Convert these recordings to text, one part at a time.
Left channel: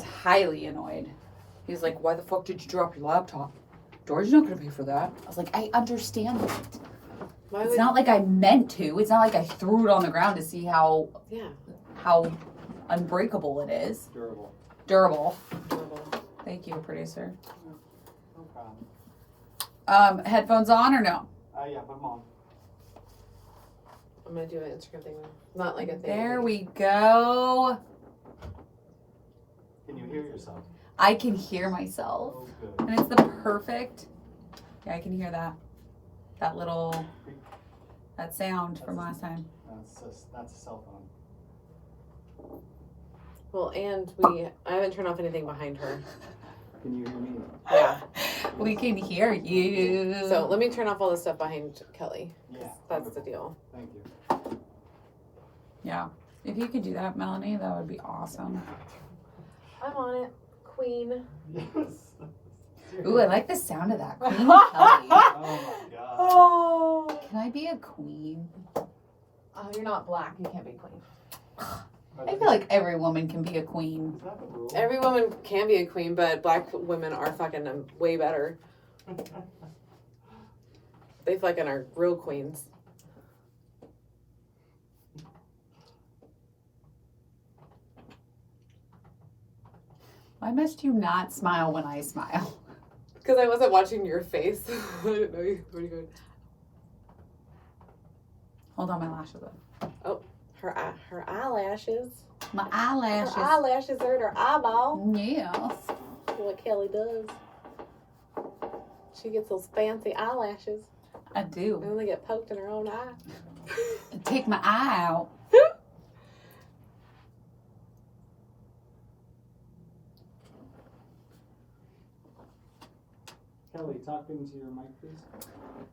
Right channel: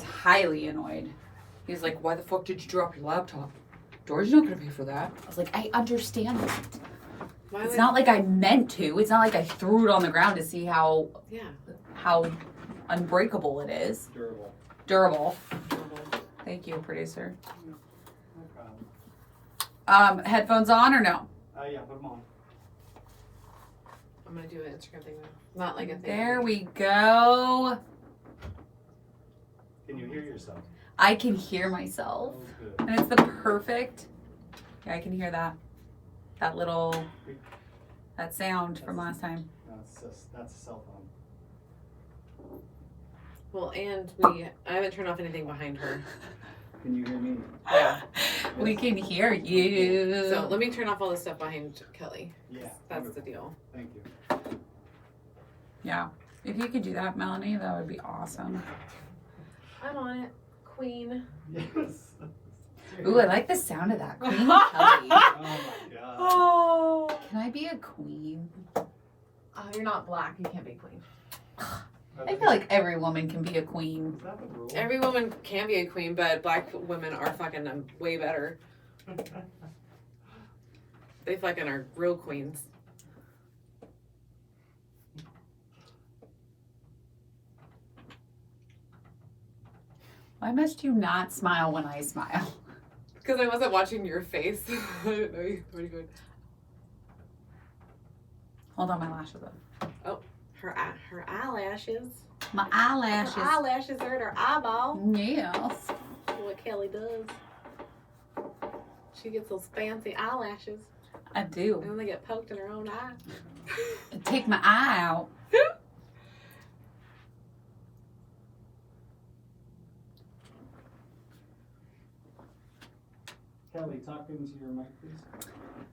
was highly annoyed. He was like, why the fuck did you drop your laptop? Dory's not going to pay for that. I was like, I understand that. It's not like I meant to. It's not like I threw it on the ground to see how unbreakable it is. Durable. Thank you, producer. No problem. Headphones on or no? Yeah, put them on. I'm going to do an Instagram thing now. Not like a thing. There we go. Can you hear yourself? I can hear myself. Oh, good. And it's the perfect. Yeah, I can hear that. That little, that sound from last time. That's a cell phone. Well, and I haven't turned off anything behind her. Can you hear me? Yeah. We can hear you. So let me turn off all the stuff behind Kelly. Yeah. That's the deal. Thank you. Yeah. If you could do that, Melanie, that would be awesome. I'm on it, Queen. Yes. Ooh, I like the sound of that. Queen Kelly. Oh my god. Oh. Can I be a queen? You're not black. You can't be queen. I feel like every woman can be a queen. Is that the rule? Every woman can be a queen, but black women are fucking way better. They fucking are real queens. Why must you not smile when I smile? Because I wasn't watching your face. I didn't know you were good. Hold on, my lashes up. Oh, her eyelashes. My eyelashes. Her eyelashes hurt her eyeball. Yes. What Kelly does. She gets those fancy eyelashes. I do. And then they get poked in her own eye. Take my eye out. Kelly, talk into your mic, please.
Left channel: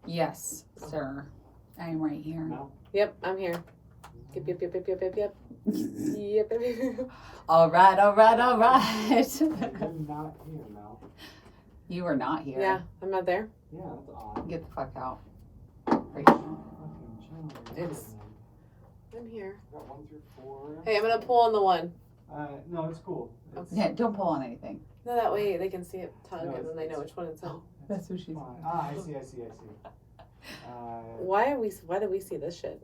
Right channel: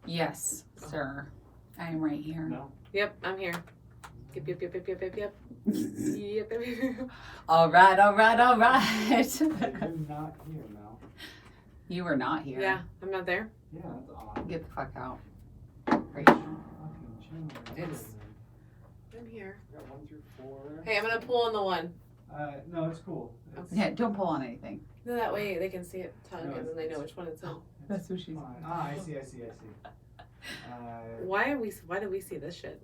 Yes, sir. I am right here. No. Yep, I'm here. Yep. Yep. All right, all right, all right. You're not here, Mel. You were not here. Yeah, I'm not there. Yeah, that's odd. Get the fuck out. Right. Fucking John. It's- I'm here. Got 1 through 4. Hey, I'm gonna pull on the one. No, it's cool. It's Yeah, don't pull on anything. No, that way they can see it tug No, and then they know which one it's on. That's what she's. fine. I see. Why do we see this shit?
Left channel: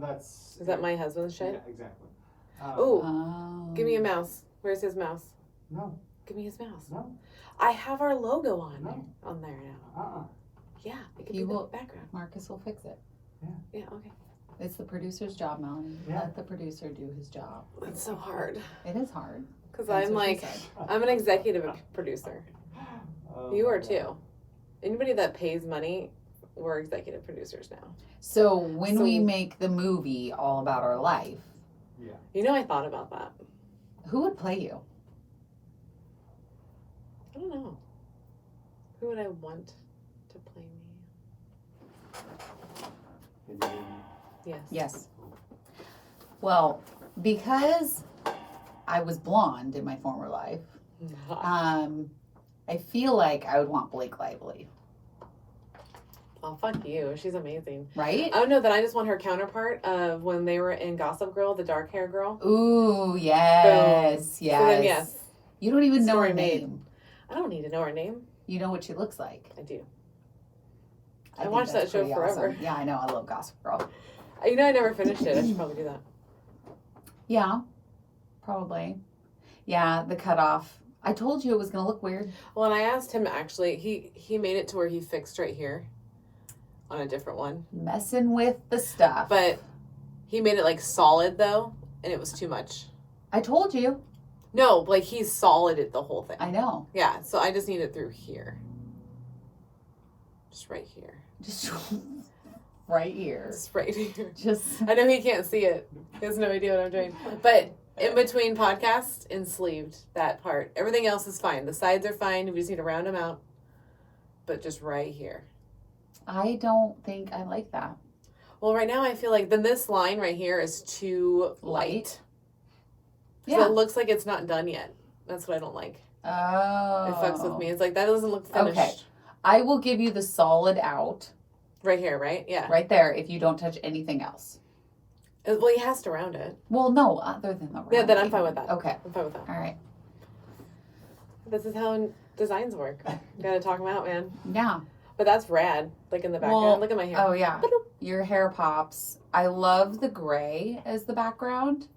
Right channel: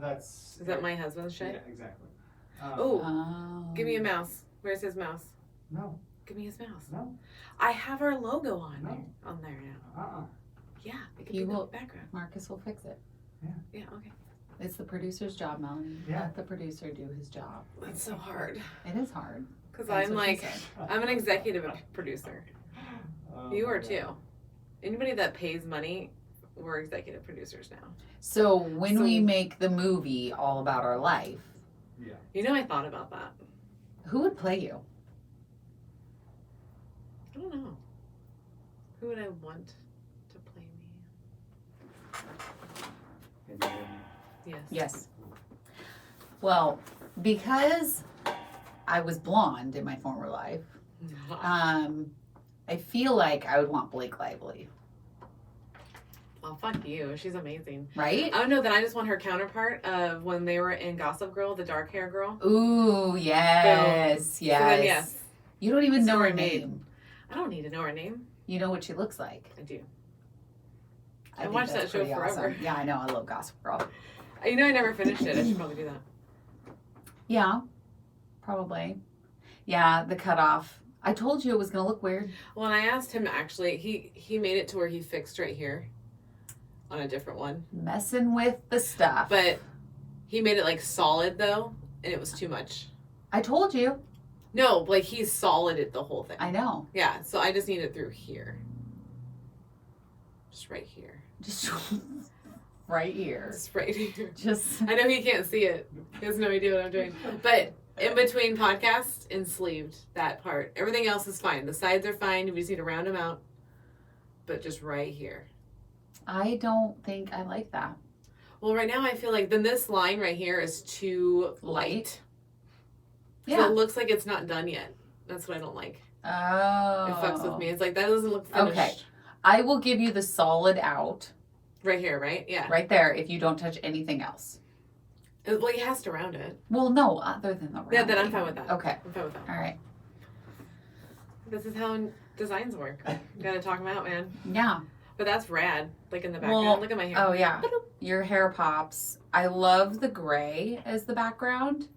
That's. Is that my husband's shit? Yeah, exactly. Oh, Oh. give me a mouse. Where's his mouse? No, Give me his mouse. no, I have our logo on No. there. On there now. Yeah, it could He be will- the background. Marcus will fix it. Yeah, okay. It's the producer's job, Melanie. Yeah. Let the producer do his job. It's so hard It is hard. because That's I'm what she like, said. I'm an executive producer. Oh, You are God. too. Anybody that pays money, we're executive producers now. So when So- we make the movie All About Our Life, Yeah. You know, I thought about that. who would play you? I don't know. Who would I want to play me? Can you hear me? Yes. Yes. Well, because I was blonde in my former life, I feel like I would want Blake Lively, Oh, fuck you. She's amazing. right? I don't know that I just want her counterpart of when they were in Gossip Girl, the dark hair girl. Ooh, yes, yes. So then, yes. You don't even know her Story made. name. I don't need to know her name. You know what she looks like. I do. I think watched that's that show pretty forever. awesome. Yeah, I know. I love Gossip Girl. You know, I never finished it. I should probably do that. Yeah, probably. Yeah, the cutoff. I told you it was going to look weird. Well, and I asked him, actually, he made it to where he fixed right here on a different one. Messing with the stuff. But he made it, like, solid, though, and it was too much. I told you. No, like, he solided the whole thing. I know. Yeah, so I just need it through here. Just right here. Just right here. Just right here. Just. I know he can't see it. He has no idea what I'm doing. But in between podcast and sleeved, that part. Everything else is fine. The sides are fine. We just need to round them out. But just right here. I don't think I like that. Well, right now I feel like then this line right here is too light. So Yeah. it looks like it's not done yet. That's what I don't like. Oh. It fucks with me. It's like, that doesn't look finished. Okay. I will give you the solid out Right here, right? Yeah. right there if you don't touch anything else. Well, he has to round it. Well, no, other than the rounding. Yeah, then I'm fine with that. Okay. I'm fine with that. All right. This is how designs work. Gotta talk them out, man. Yeah. But that's rad. Like in the background. Well, Look at my hair. Oh, yeah. Your hair pops. I love the gray as the background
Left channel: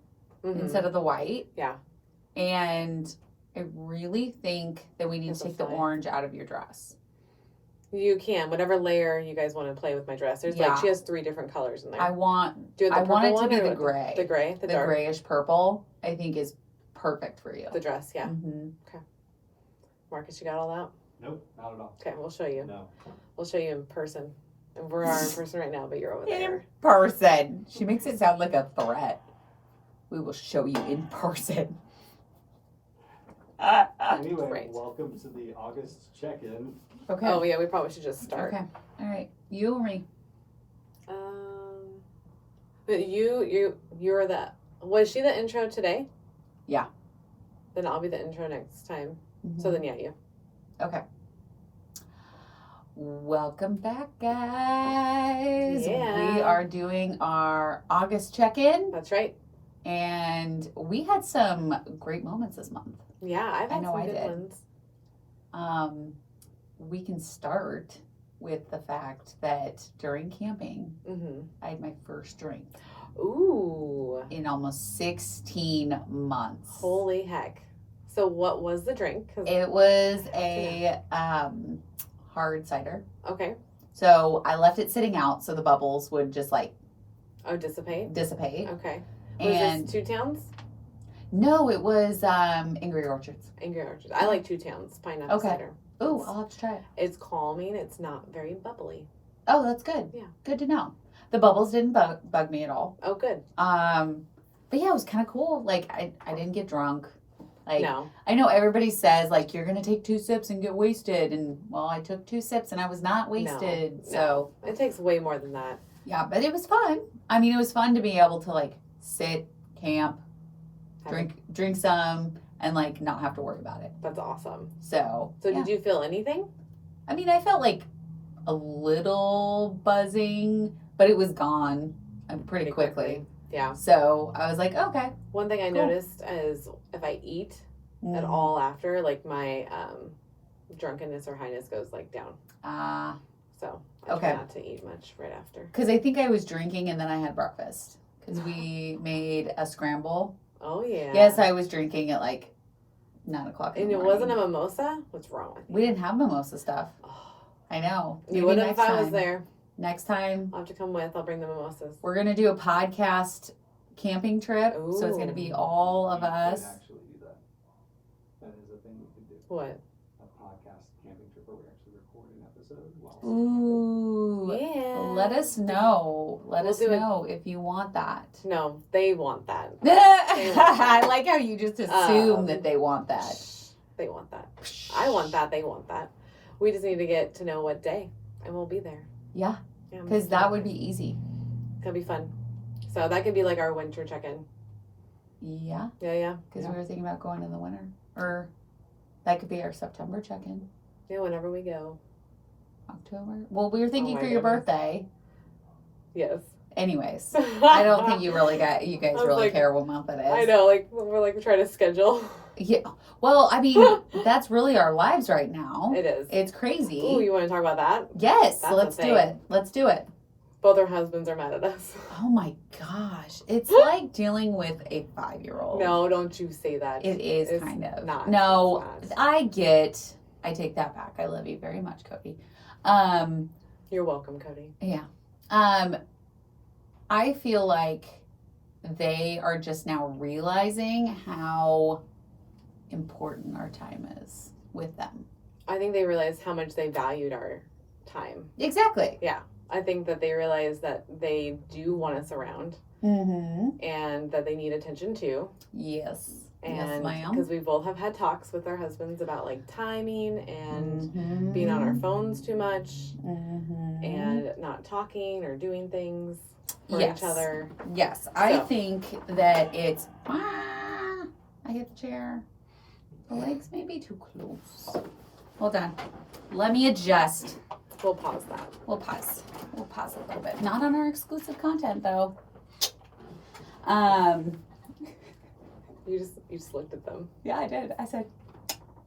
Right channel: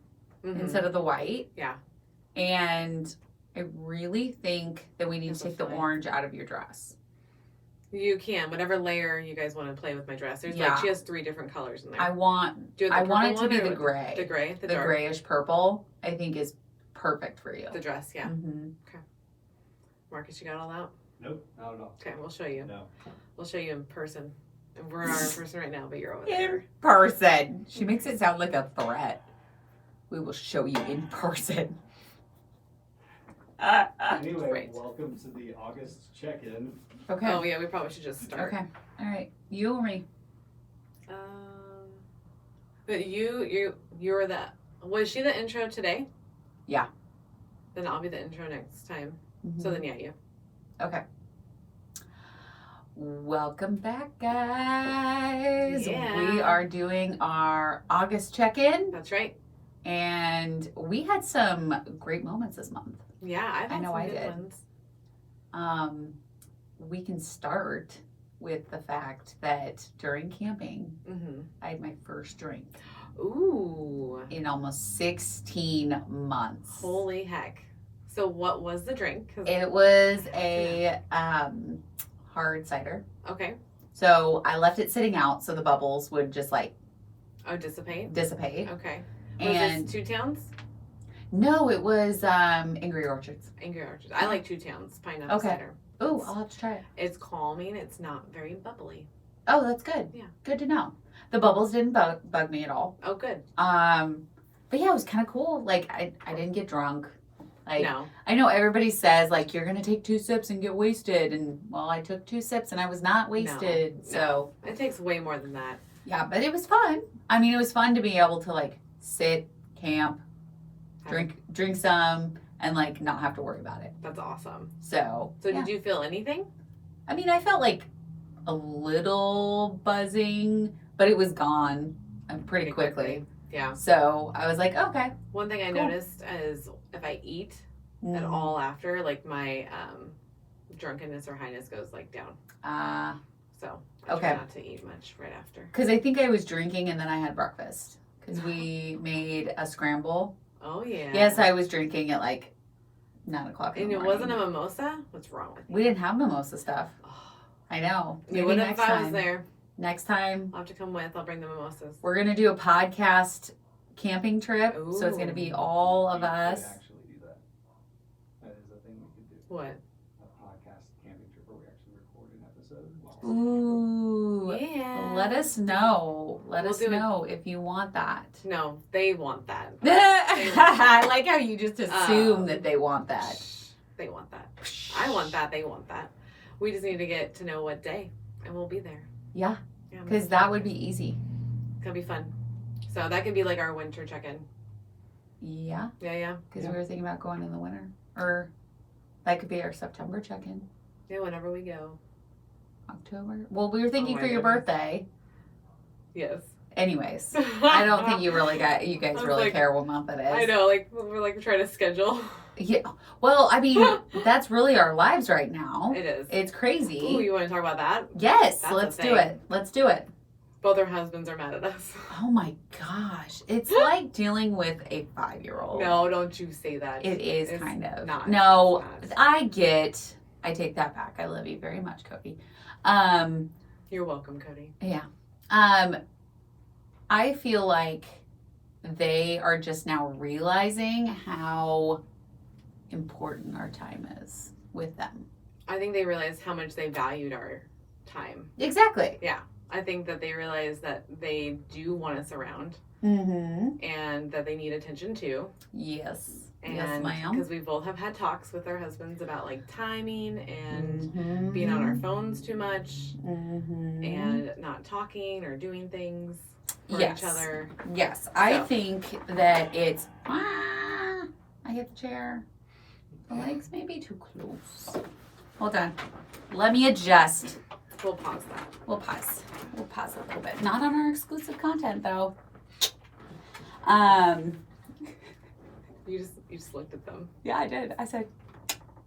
instead of the white. Yeah. And I really think that we need to take the orange out of your dress. You can. Whatever layer you guys want to play with my dress. There's like, she has 3 different colors in there. I want it to be the gray. The gray? The dark? grayish purple, I think is perfect for you. The dress, yeah. Mm-hmm. Okay. Marcus, you got all that? Nope, not at all. Okay, we'll show you. No. We'll show you in person. And we're in person right now, but you're over there. In person. She makes it sound like a threat. We will show you in person. Anyway, Great. welcome to the August check-in. Okay. Oh, yeah, we probably should just start. Okay. All right. You or me? But you're the, was she the intro today? Yeah. Then I'll be the intro next time. Mm-hmm. So then, yeah, you. Okay. Welcome back, guys. Yeah. We are doing our August check-in, That's right. and we had some great moments this month. Yeah, I've had know some I good did. ones. We can start with the fact that during camping, Mm-hmm. I had my first drink Ooh. in almost 16 months. Holy heck. So what was the drink? 'Cause- It was a hard cider. Okay. So I left it sitting out so the bubbles would just like Oh, dissipate? dissipate. Okay. Was And this 2 Towns? no, it was Angry Orchards. Angry Orchard. I like 2 Towns. Pineapple Okay. cider. Oh, I'll have to try it. It's calming. It's not very bubbly. Oh, that's good. Yeah. Good to know. The bubbles didn't bug me at all. Oh, good. But yeah, it was kind of cool. Like I didn't get drunk. Like No. I know everybody says like you're gonna take 2 sips and get wasted, and well, I took 2 sips and I was not wasted. No. So It takes way more than that. yeah, but it was fun. I mean, it was fun to be able to like sit, camp, drink some, and like not have to worry about it. That's awesome. So So yeah. did you feel anything? I mean, I felt like a little buzzing, but it was gone pretty quickly. Yeah. So I was like, okay. One thing I Cool. noticed is if I eat at Mm. all after, like my drunkenness or highness goes like down. So I Okay. try not to eat much right after. Because I think I was drinking and then I had breakfast. Because we made a scramble. Oh yeah. Yes, I was drinking at like 9 o'clock in And the it morning. wasn't a mimosa? What's wrong with you? We didn't have mimosa stuff. Oh, I know. you Maybe would have next if I was time. there. Next time, I'll have to come with. I'll bring the mimosas. we're going to do a podcast camping trip. So it's going to Ooh. be all of We could us. actually do that. That is a thing we could do. What? A podcast camping trip where we actually record an episode. While Ooh. Yeah. Let us know. Let We'll us do it. know if you want that. No, they want that. I like how you just assume that they want that. They want that. I want that. They want that. We just need to get to know what day, and we'll be there. Yeah, Yeah, because that would be easy. could be fun. So that could be like our winter check-in. Yeah, Yeah. because we were thinking about going in the winter. Or that could be our September check-in. Yeah, whenever we go. October. Well, we were thinking Oh for my your goodness. birthday. Yes. Anyways, I don't think you guys was really like- care what month it is. I know, like we're like trying to schedule. Yeah. Well, I mean, that's really our lives right now. It is. It's crazy. Ooh, you want to talk about that? Yes, That's let's a do thing. it. Let's do it. Both our husbands are mad at us. Oh my gosh. It's like dealing with a 5-year-old. No, don't you say that. It is It's kind of. not. No, It's not. I take that back. I love you very much, Cody. You're welcome, Cody. Yeah. I feel like they are just now realizing how important our time is with them. I think they realized how much they valued our time. Exactly. I think that they realized that they do want us around Mm-hmm. and that they need attention too. Yes. And yes, ma'am. because we both have had talks with our husbands about like timing and Mhm. being on our phones too much Mhm. and not talking or doing things for Yes. each other. Yes, I So. think that it's. I hit the chair. The legs may be too close. Hold on. Let me adjust. We'll pause that. We'll pause. We'll pause a little bit. Not on our exclusive content, though. You just looked at them. Yeah, I did. I said,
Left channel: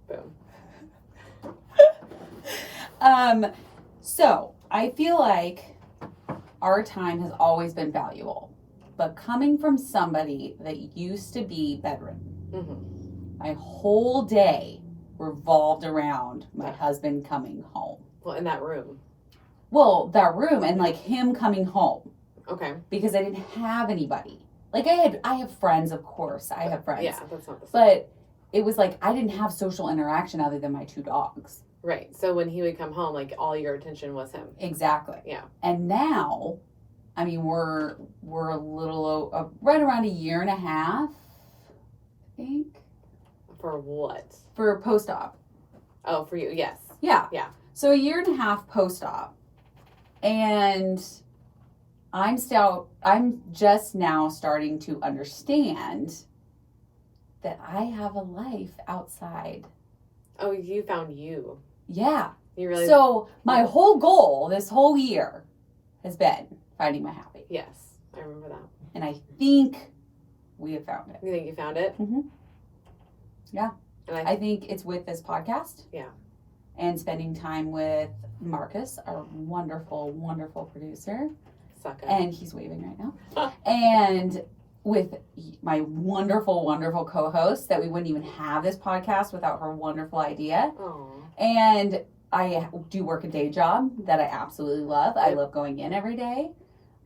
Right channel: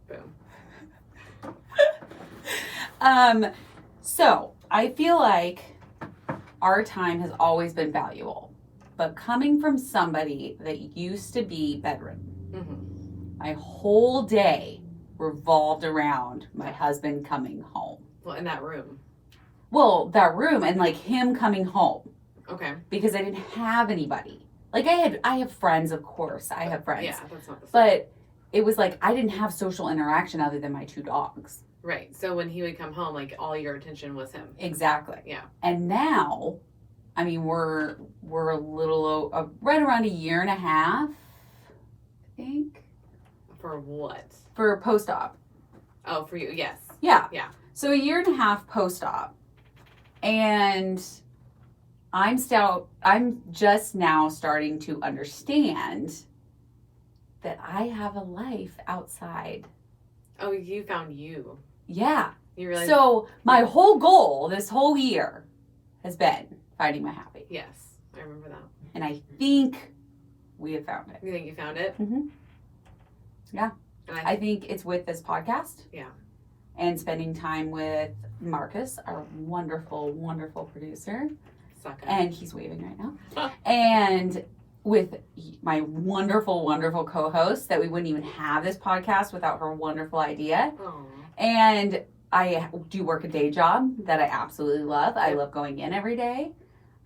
Boom. So I feel like our time has always been valuable, but coming from somebody that used to be bedridden, Mm-hmm. my whole day revolved around my husband coming home. Well, in that room. Well, that room and like him coming home. Okay. Because I didn't have anybody. Like I have friends, of course. I have friends. Yeah, that's not the same. But it was like I didn't have social interaction other than my 2 dogs. Right. So when he would come home, like all your attention was him. Exactly. Yeah. And now, I mean, we're a little right around a year and a half, I think. For what? For post-op. Oh, for you, yes. Yeah. Yeah. So a year and a half post-op, and I'm just now starting to understand that I have a life outside. Oh, you found you. Yeah. You really. So my whole goal this whole year has been finding my happy. Yes, I remember that. And I think we have found it. You think you found it? Mm-hmm. Yeah. And I think it's with this podcast. Yeah. And spending time with Marcus, our wonderful, wonderful producer. Sucker. And he's waving right now. And with my wonderful, wonderful co-host, that we wouldn't even have this podcast without her wonderful idea. Aww. And I do work a day job that I absolutely love. I love going in every day.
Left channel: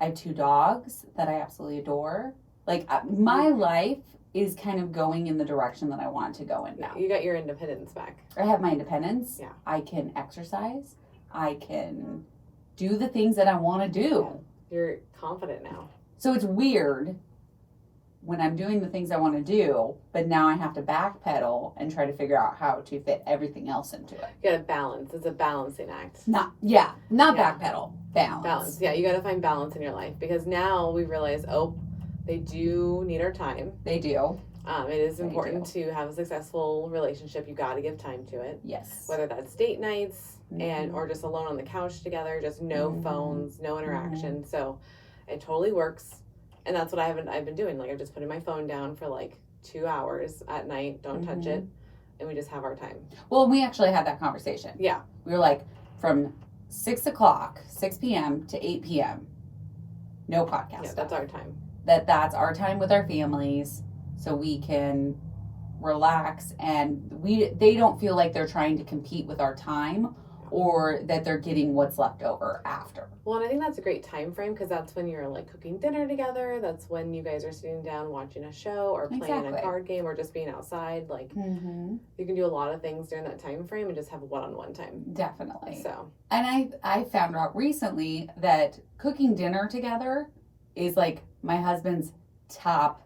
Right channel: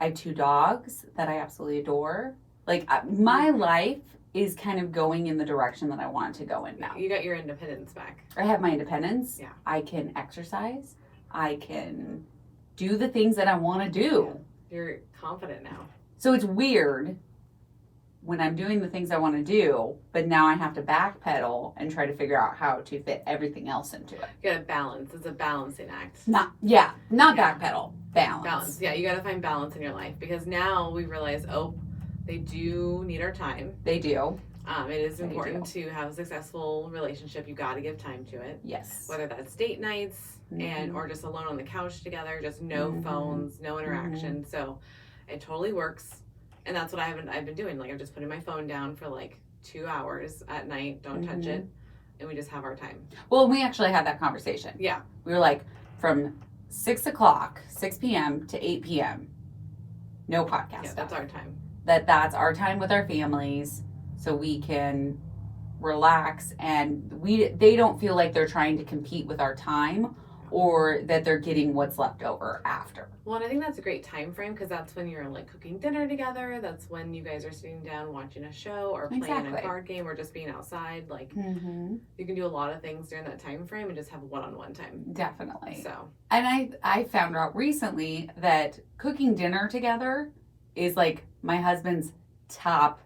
I have 2 dogs that I absolutely adore. Like, my life is kind of going in the direction that I want it to go in now. You got your independence back. I have my independence. Yeah. I can exercise. I can do the things that I want to do. You're confident now. So it's weird when I'm doing the things I want to do, but now I have to backpedal and try to figure out how to fit everything else into it. You gotta balance. It's a balancing act. Not Yeah. backpedal. Balance. Balance. Yeah, you gotta find balance in your life because now we realize, they do need our time. They do. It is important to have a successful relationship. You gotta give time to it. Yes. Whether that's date nights or just alone on the couch together, just no phones, no interaction. So it totally works. And that's what I've been doing. Like, I'm just putting my phone down for like 2 hours at night. Don't touch it. And we just have our time. Well, we actually had that conversation. Yeah. We were like, from 6 p.m. to 8 p.m., no podcast Yeah, stuff. that's our time. That's our time with our families, so we can relax, and they don't feel like they're trying to compete with our time or that they're getting what's left over after. Well, and I think that's a great time frame because that's when you're like cooking dinner together. That's when you guys are sitting down watching a show or playing a card game or just being outside. Like, you can do a lot of things during that time frame and just have one-on-one time. Definitely. So, and I found out recently that cooking dinner together is like my husband's top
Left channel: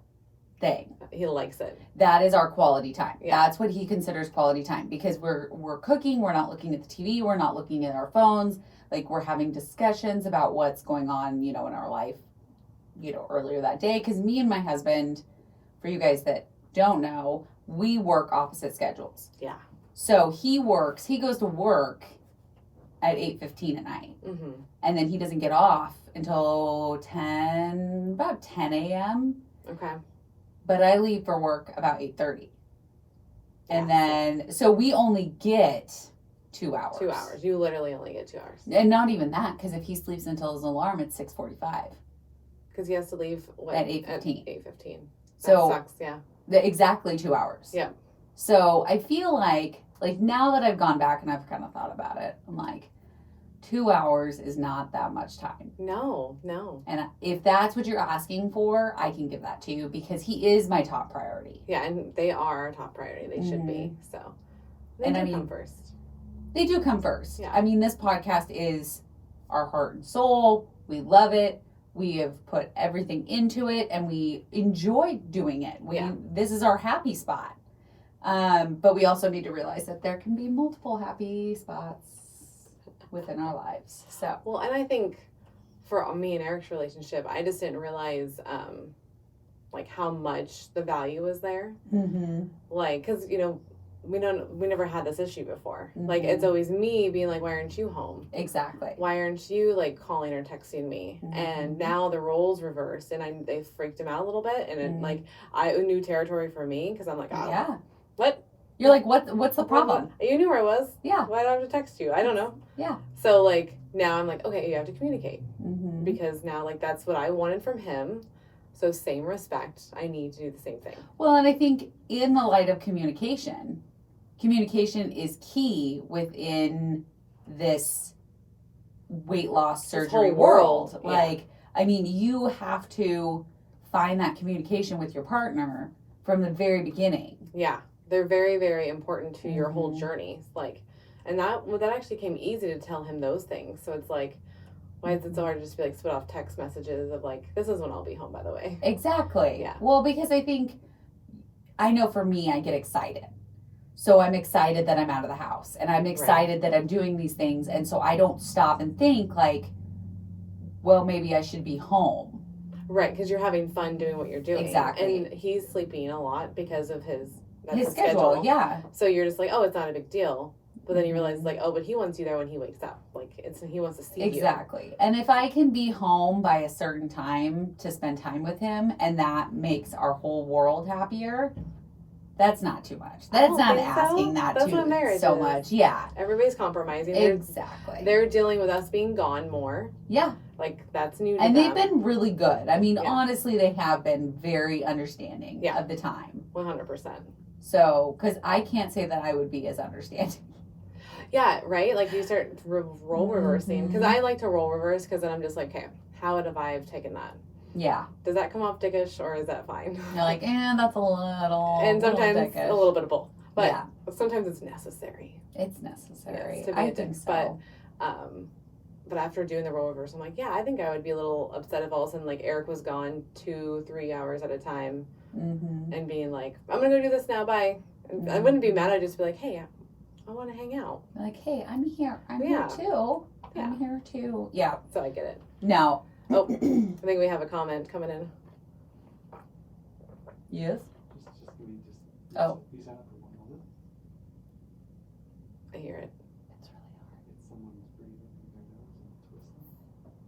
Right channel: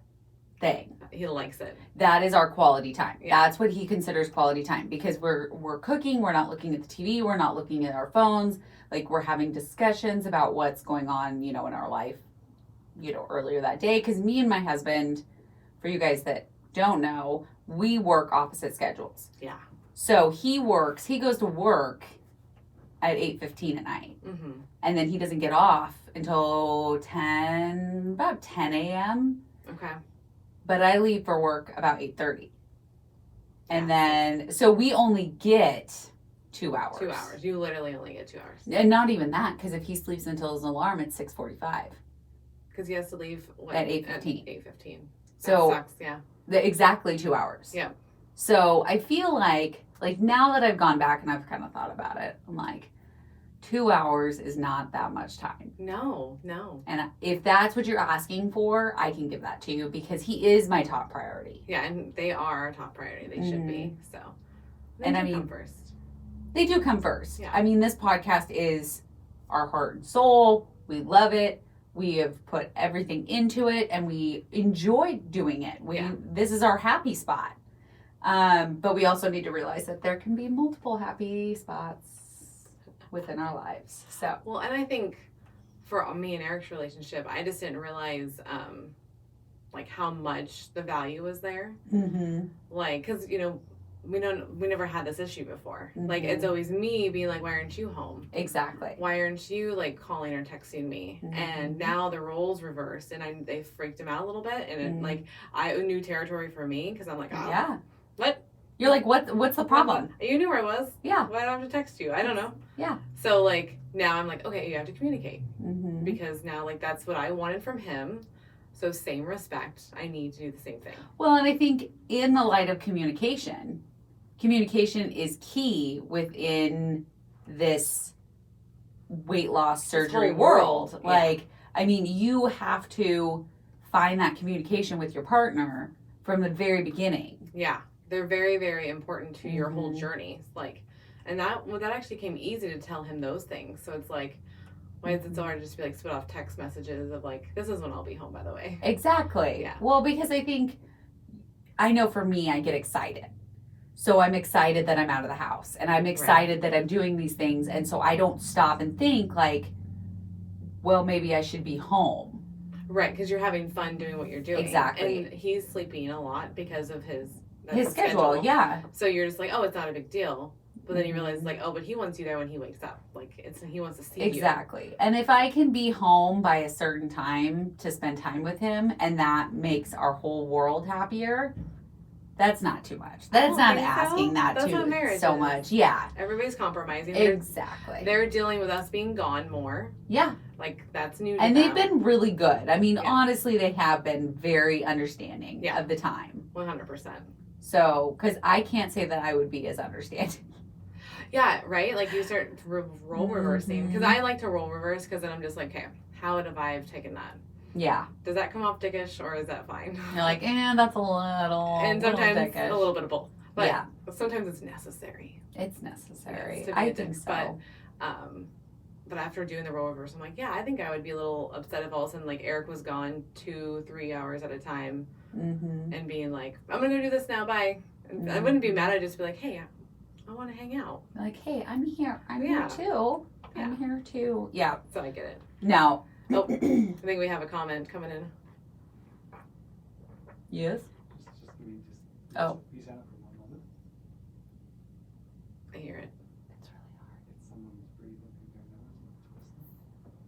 thing. he likes it. That is our quality time. Yeah. That's what he considers quality time because we're cooking, we're not looking at the TV, we're not looking at our phones. Like, we're having discussions about what's going on, in our life, earlier that day. Because me and my husband, for you guys that don't know, we work opposite schedules. Yeah. So he goes to work at 8:15 at night. Mm-hmm. And then he doesn't get off until about 10 a.m. Okay. But I leave for work about 8:30. And Yeah, then, so we only get 2 hours. 2 hours. You literally only get 2 hours. And not even that, because if he sleeps until his alarm, it's 6:45. Because he has to leave At 8:15. 8:15. So that sucks, yeah. Exactly 2 hours. Yeah. So I feel like now that I've gone back and I've kind of thought about it, I'm like, 2 hours is not that much time. No. And if that's what you're asking for, I can give that to you because he is my top priority. Yeah, and they are our top priority. They should be. So, And I do mean, come first. They do come first. Yeah. I mean, this podcast is our heart and soul. We love it. We have put everything into it and we enjoy doing it. This is our happy spot. But we also need to realize that there can be multiple happy spots within our lives. So, Well, and I think for me and Eric's relationship, I just didn't realize how much the value was there. mm-hmm. Like, because we never had this issue before. Mm-hmm. Like, it's always me being like, why aren't you home? Exactly. Why aren't you like calling or texting me? Mm-hmm. And now the roles reversed, and they freaked him out a little bit, and it, like, new territory for me, because I'm like, oh, yeah. What? You're like, what's the problem? You knew where I was. Yeah. Why did I have to text you? I don't know. Yeah. So, like, now I'm like, okay, you have to communicate. Mm-hmm. Because now, like, that's what I wanted from him. So, same respect. I need to do the same thing. Well, and I think in the light of communication is key within this weight loss surgery whole world. world. Like, I mean, you have to find that communication with your partner from the very beginning. Yeah. They're very, very important to your whole Mm-hmm. journey. Like, and that actually came easy to tell him those things. So it's like, why is it so hard to just be like spit off text messages of like, this is when I'll be home, by the way. Exactly. Yeah. Well, because I know for me, I get excited. So I'm excited that I'm out of the house, and I'm excited that I'm doing these things. And so I don't stop and think like, well, maybe I should be home. Right. Because you're having fun doing what you're doing. Exactly. And he's sleeping a lot because of his schedule. Yeah. So you're just like, oh, it's not a big deal. But then you realize, like, oh, but he wants you there when he wakes up. Like, he wants to see you. Exactly. And if I can be home by a certain time to spend time with him, and that makes our whole world happier, that's not too much. That's not asking that That's too what marriage so is. much. Yeah. Everybody's compromising. Exactly. They're dealing with us being gone more. Yeah. Like, that's new to And them. they've been really good. I mean, Yeah. honestly, they have been very understanding of the time. 100%. So, because I can't say that I would be as understanding. Yeah, right? Like, you start role reversing. Because I like to role reverse, because then I'm just like, okay, how would I have taken that? Yeah. Does that come off dickish, or is that fine? You're like, that's a little. And sometimes dickish. a little bit of both. But yeah. sometimes it's necessary. It's necessary. Yes, to be I a think dick. so. But after doing the role reverse, I'm like, yeah, I think I would be a little upset if all of a sudden, like, Eric was gone 2-3 hours at a time, and being like, I'm gonna go do this now, bye. And I wouldn't be mad. I'd just be like, hey, I want to hang out. Like, hey, I'm here. I'm here too. Yeah. I'm here too. Yeah. So I get it. No. Oh, I think we have a comment coming in. Yes. Oh. He's out for 1 moment. I hear it. It's really hard. It's someone's breathing through their nose and twisting.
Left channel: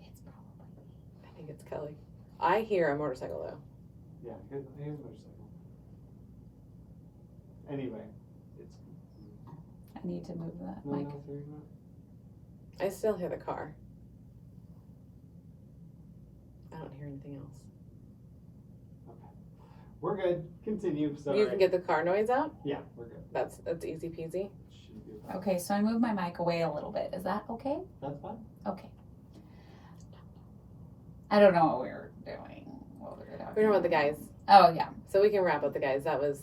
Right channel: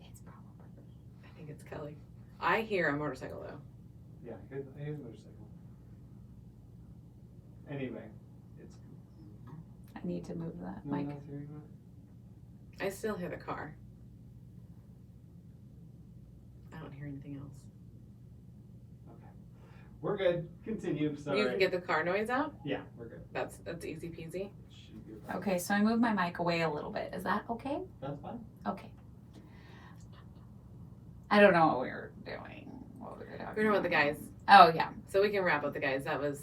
It's probably me. I think it's Kelly. I hear a motorcycle though. Yeah, he has a motorcycle. Anyway, it's. I need to move that No one mic. else hearing that? I still hear the car. I don't hear anything else. Okay. We're good. Continue. Sorry. You can get the car noise out? Yeah, we're good. That's easy peasy. Shouldn't be a Okay, so I moved my mic away a little bit. Is that okay? That's fine. Okay. I don't know what we were doing. What we were talking We're talking about the guys. Oh, yeah. So we can wrap up the guys. That was,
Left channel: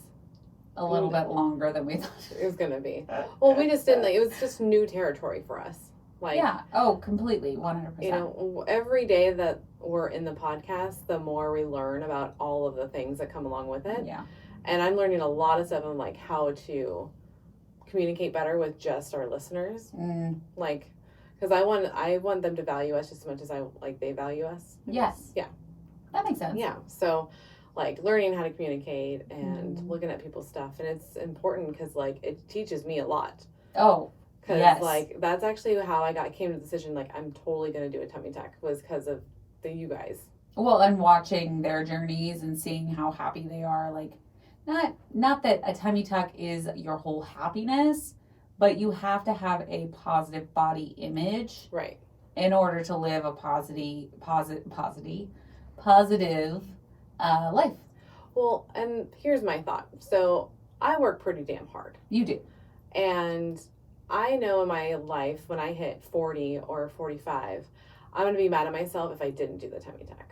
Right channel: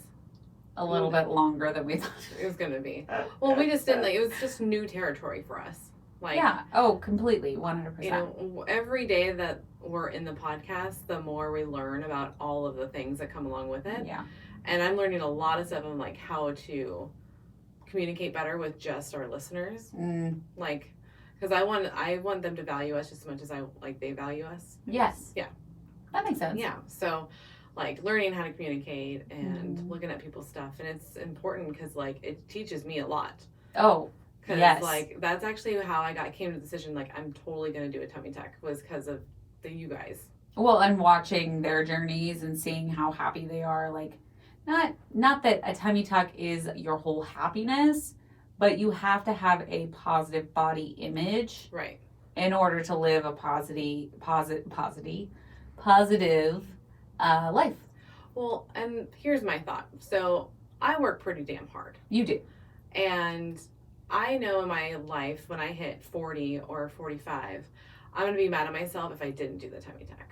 A little bit longer than we thought. it was going to be. Well, we just didn't, like, it was just new territory for us. Like, Yeah. Oh, completely. 100%. you know, every day that we're in the podcast, the more we learn about all of the things that come along with it. Yeah. And I'm learning a lot of stuff on, like, how to communicate better with just our listeners. Like, because I want them to value us just as much as they value us. Yes. Yeah. That makes sense. Yeah. So, like, learning how to communicate and looking at people's stuff. And it's important because, like, it teaches me a lot. Oh, Because, yes. like, that's actually how I came to the decision, like, I'm totally going to do a tummy tuck, was because of you guys. Well, and watching their journeys and seeing how happy they are. Like, not that a tummy tuck is your whole happiness, but you have to have a positive body image. Right. In order to live a positive life. Well, and here's my thought. So I work pretty damn hard. You do. And I know in my life, when I hit 40 or 45, I'm going to be mad at myself if I didn't do the tummy tuck.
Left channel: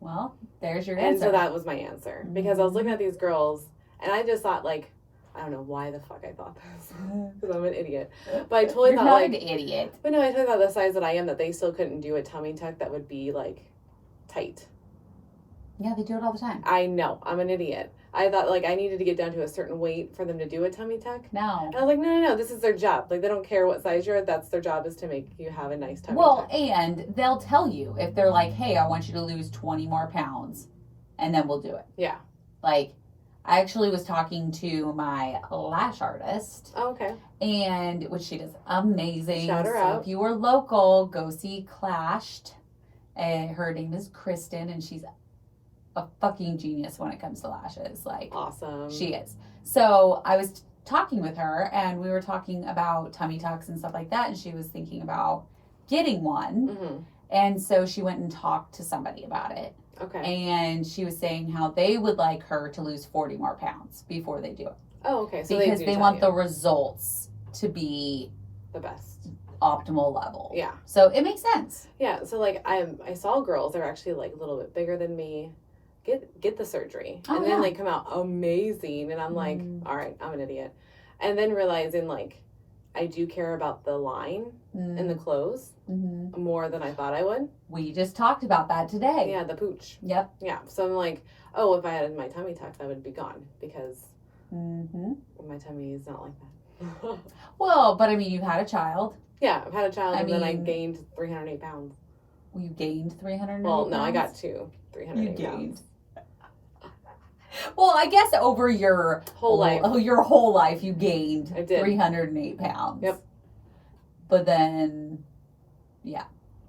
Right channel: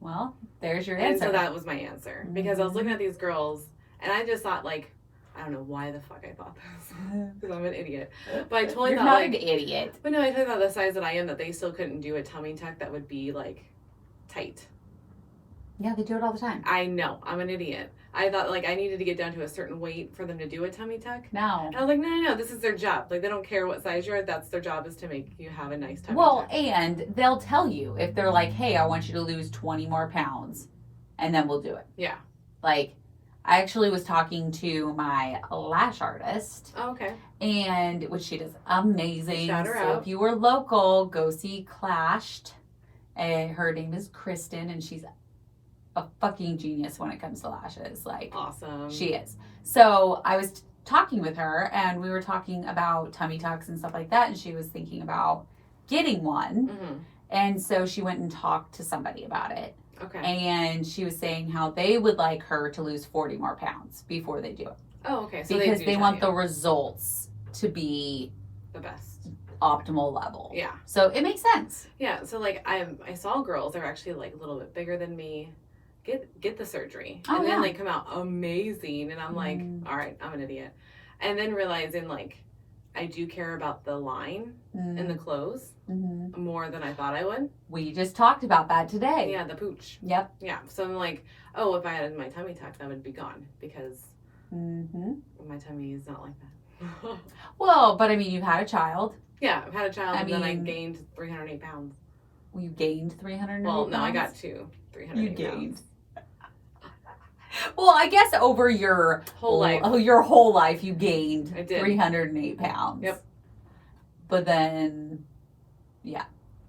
Well, there's your And answer. so that was my answer. Because I was looking at these girls, and I just thought, like, I don't know why the fuck I thought this. Because I'm an idiot. But I totally You're thought, not like, an idiot. but no, I totally thought the size that I am, that they still couldn't do a tummy tuck that would be, like, tight. Yeah, they do it all the time. I know. I'm an idiot. I thought, like, I needed to get down to a certain weight for them to do a tummy tuck. No. And I was like, no, this is their job. Like, they don't care what size you're. That's their job, is to make you have a nice tummy Well, tuck. and they'll tell you if they're like, hey, I want you to lose 20 more pounds, and then we'll do it. Yeah. Like, I actually was talking to my lash artist, Oh, okay. and which she does amazing. Shout her so out. if you were local, go see Clashed. And her name is Kristen, and she's a fucking genius when it comes to lashes. Like, Awesome. she is. So I was talking with her, and we were talking about tummy tucks and stuff like that, and she was thinking about getting one. Mm-hmm. And so she went and talked to somebody about it. Okay. And she was saying how they would like her to lose 40 more pounds before they do it. Oh, okay. So Because do they tell want you the results to be the best. optimal level. Yeah. So it makes sense. Yeah. So like I saw girls that are actually like a little bit bigger than me get the surgery Oh, and then yeah. like come out amazing, and I'm like, all right, I'm an idiot, and then realizing like I do care about the line in the clothes more than I thought I would. We just talked about that today. Yeah, the pooch. Yep. Yeah. So I'm like, oh, if I had my tummy tucks, I would be gone because my tummy is not like that. Well, but I mean, you've had a child. Yeah, I've had a child, I and then I mean- gained 308 pounds. You gained 300. Well, no, I got 308 You gained. pounds. Well, I guess over your Whole life. your whole life, you gained I did. 308 pounds. Yep. But then,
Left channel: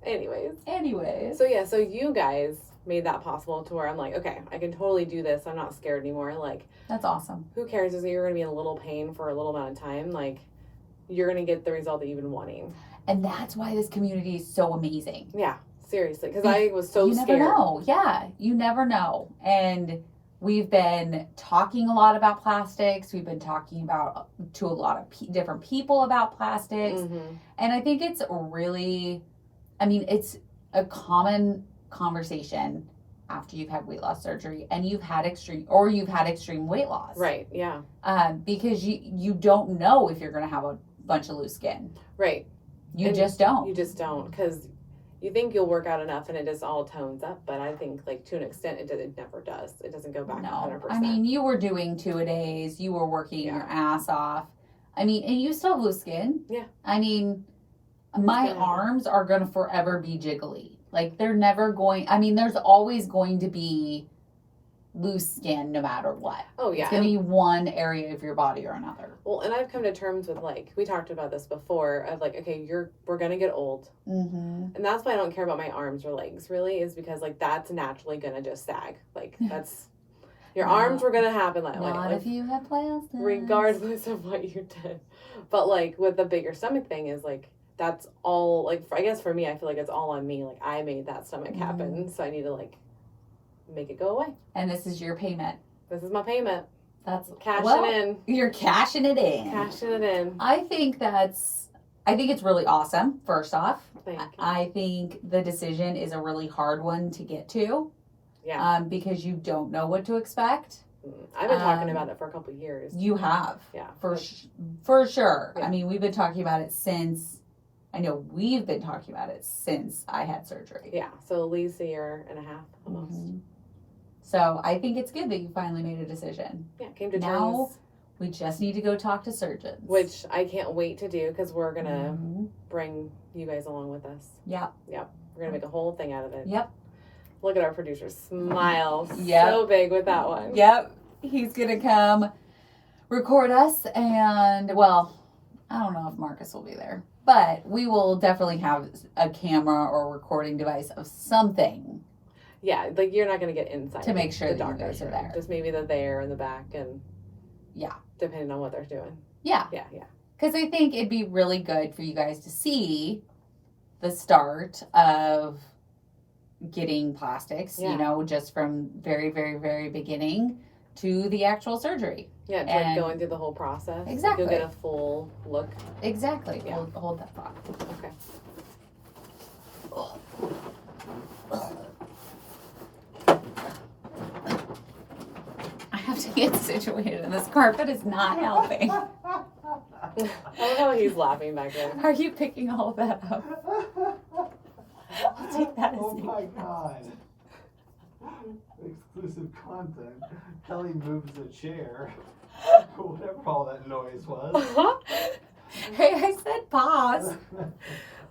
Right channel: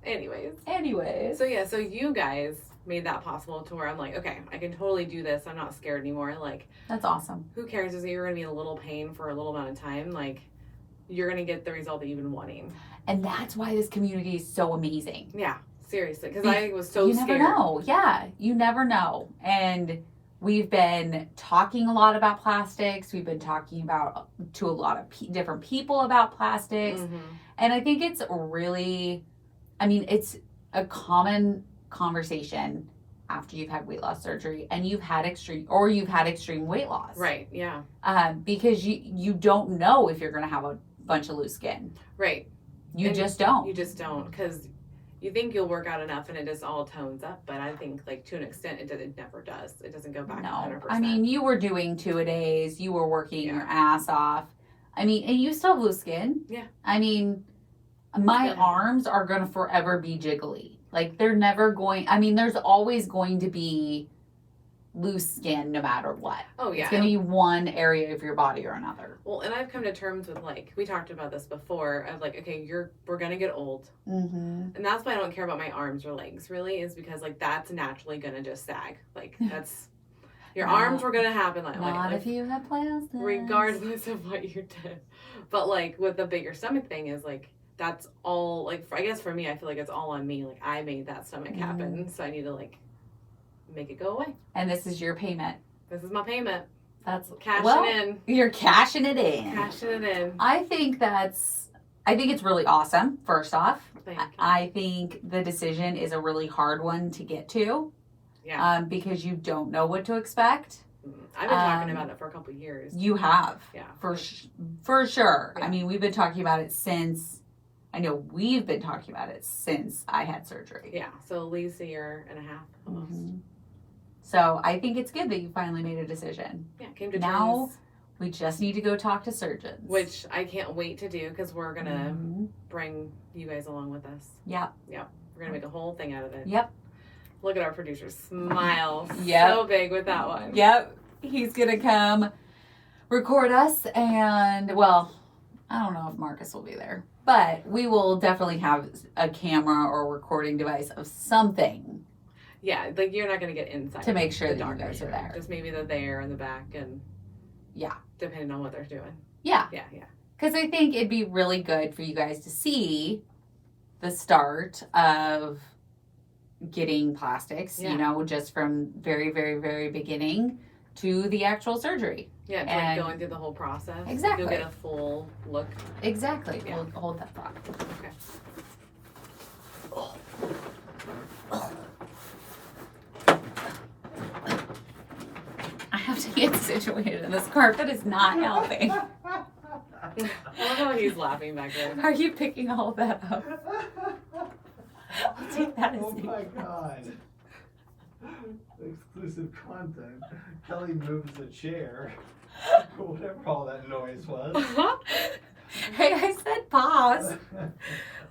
Anyways. So you guys made that possible to where I'm like, okay, I can totally do this. I'm not scared anymore. Like, that's awesome. who cares if you're going to be in a little pain for a little amount of time? Like, you're going to get the result that you've been wanting. And that's why this community is so amazing. Yeah, seriously. Because I was so you scared. never know. Yeah, you never know. And we've been talking a lot about plastics. We've been talking about to a lot of different people about plastics. Mm-hmm. And I think it's really, I mean, it's a common conversation after you've had weight loss surgery and you've had extreme weight loss. Right, yeah. Because you don't know if you're going to have a bunch of loose skin. Right. You And just don't. You just don't. Because you think you'll work out enough and it just all tones up. But I think, like, to an extent, it never does. It doesn't go back No. 100%. I mean, you were doing 2-a-days. You were working Yeah. your ass off. I mean, and you still have loose skin. Yeah. I mean, my Yeah. arms are going to forever be jiggly. Like, they're never going, I mean, there's always going to be loose skin no matter what. Oh, yeah. It's going to be one area of your body or another. Well, and I've come to terms with, like, we talked about this before, of like, okay, we're gonna get old. Mm-hmm. And that's why I don't care about my arms or legs, really, is because, like, that's naturally gonna just sag. Like, that's, your No. arms were gonna happen Not if you have plastic. regardless of what you did. But, like, with the bigger stomach thing is, like, that's all, like, I guess for me, I feel like it's all on me. Like, I made that stomach happen, so I need to, like, make it go away. And this is your payment. This is my payment. That's Cashing in. You're cashing it in. Cashing it in. I think it's really awesome, first off. Thank you. I think the decision is a really hard one to get to. Yeah. Because you don't know what to expect. I've been talking about it for a couple of years. You have. Yeah. For sure. Yeah. I mean, we've been talking about it I know we've been talking about it since I had surgery. Yeah. So at least a year and a half almost. Mhm. So I think it's good that you finally made a decision. Yeah. Came to Now, terms. we just need to go talk to surgeons. Which I can't wait to do because we're going to Mhm. bring you guys along with us. Yep. We're going to make a whole thing out of it. Yep. Look at our producer smile. Yep. So big with that one. Yep. He's going to come record us. And, well, I don't know if Marcus will be there. But we will definitely have a camera or recording device of something. Yeah. Like you're not going to get inside. To make sure the that you doctor's guys are room. there. Just maybe they're there in the back and. Yeah. Depending on what they're doing. Yeah. Yeah. Because I think it'd be really good for you guys to see the start of getting plastics, Yeah. just from very, very, very beginning to the actual surgery. Yeah. It's And- like going through the whole process. Exactly. You'll get a full look. Exactly. Yeah. Hold that thought. Okay. I have to get situated, and this carpet is not helping. I love how he's laughing back there. Are you picking all of that up? I'll take that as Oh a- my god. Exclusive content. Kelly moves the chair. Whatever all that noise was. Hey, I said pause.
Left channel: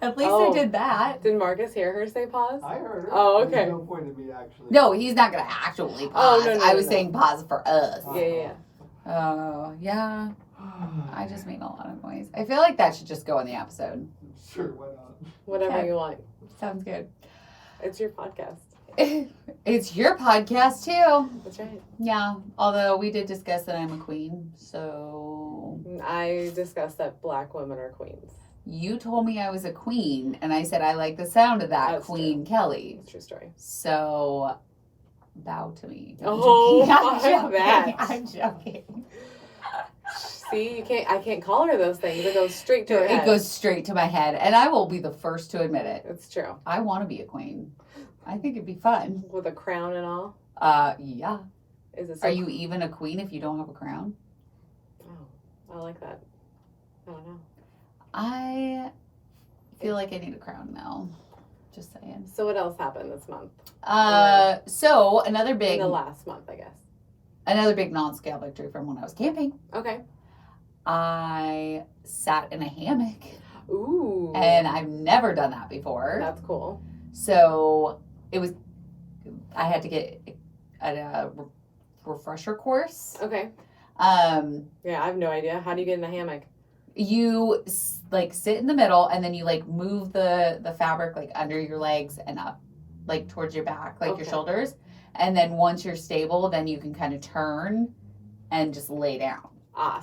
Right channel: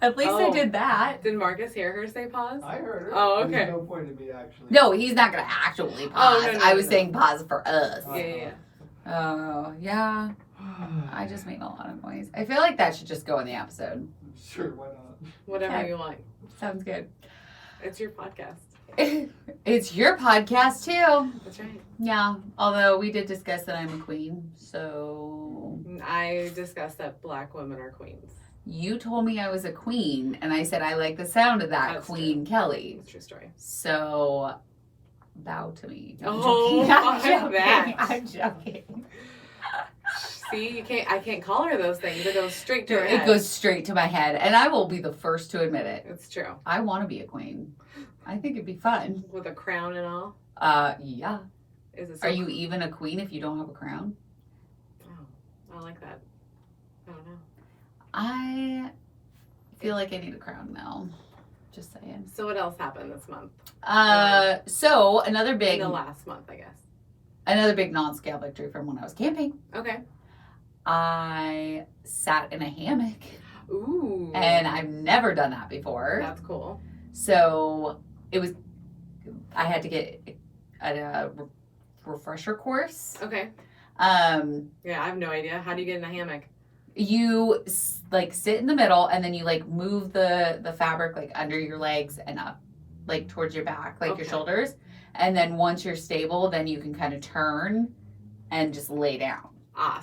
At least I did that. Did Marcus hear her say pause? I heard her. Oh, okay. There's no point in me actually. No, he's not gonna actually pause. no, I was no. saying pause for us. Yeah. Oh, yeah. I just made a lot of noise. I feel like that should just go in the episode. Sure, why not? Whatever Okay. you want. Sounds good. It's your podcast. It's your podcast too. That's right. Yeah. Although we did discuss that I'm a queen, so I discussed that black women are queens. you told me I was a queen, and I said I like the sound of that, That's Queen Kelly. It's a true story. So bow to me. I'm Oh, joking. that. I'm joking. See, I can't call her those things. It goes straight to her head. It goes straight to my head, and I will be the first to admit it. It's true. I want to be a queen. I think it'd be fun. With a crown and all. Yeah. Is it so Are you even a queen if you don't have a crown? Oh, I like that. I don't know. I feel like I need a crown now. Just saying. So what else happened this month? So another In big the last month, I guess. non-scale victory from when I was camping. Okay. I sat in a hammock, Ooh. and I've never done that before. That's cool. So I had to get a refresher course. Okay. Yeah, I have no idea. How do you get in a hammock? You like sit in the middle, and then you like move the fabric like under your legs and up, like towards your back, like your Okay. shoulders. And then once you're stable, then you can kind of turn and just lay down.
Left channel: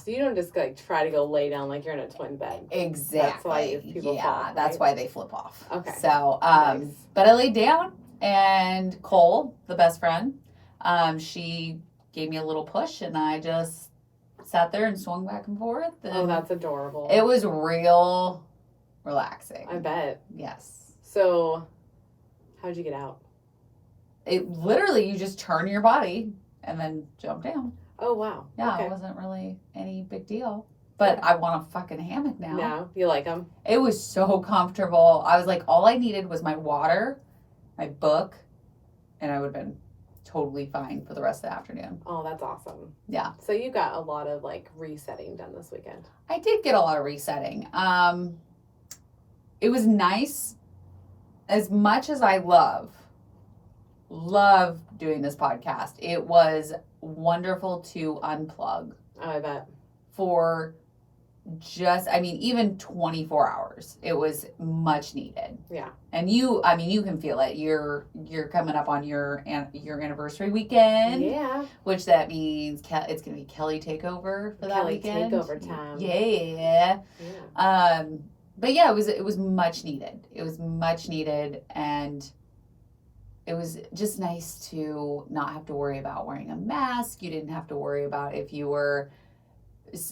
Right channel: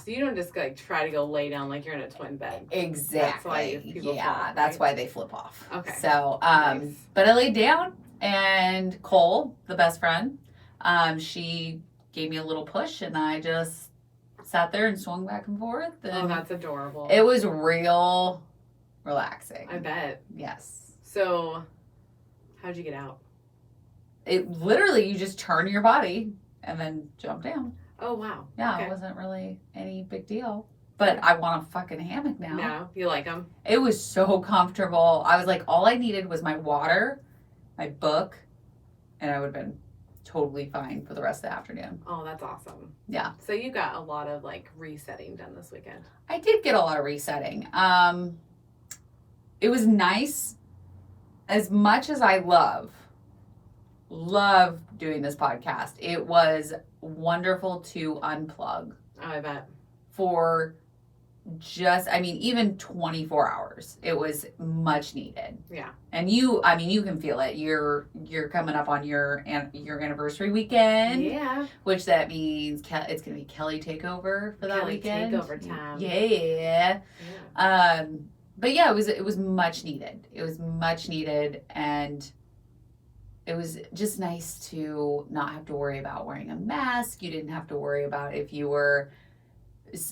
So you don't just like try to go lay down like you're in a twin bed. Exactly. That's why people yeah, fall, that's right? why they flip off. Okay. So, Nice. but I laid down, and Cole, the best friend, she gave me a little push, and I just sat there and swung back and forth. And Oh, that's adorable. it was real relaxing. I bet. Yes. So, how'd you get out? It literally, you just turn your body and then jump down. Oh, wow. Yeah, Okay. it wasn't really any big deal. But I want a fucking hammock now. No, you like them? It was so comfortable. I was like, all I needed was my water, my book, and I would have been totally fine for the rest of the afternoon. Oh, that's awesome. Yeah. So you got a lot of like resetting done this weekend. I did get a lot of resetting. It was nice. As much as I love doing this podcast, it was wonderful to unplug Oh, I bet. for even 24 hours. It was much needed. Yeah. And you can feel it. You're coming up on your anniversary weekend, Yeah. which that means it's going to be Kelly takeover for that Kelly weekend. takeover time. Yeah. Yeah. But yeah, it was much needed. It was much needed, and it was just nice to not have to worry about wearing a mask. You didn't have to worry about if you were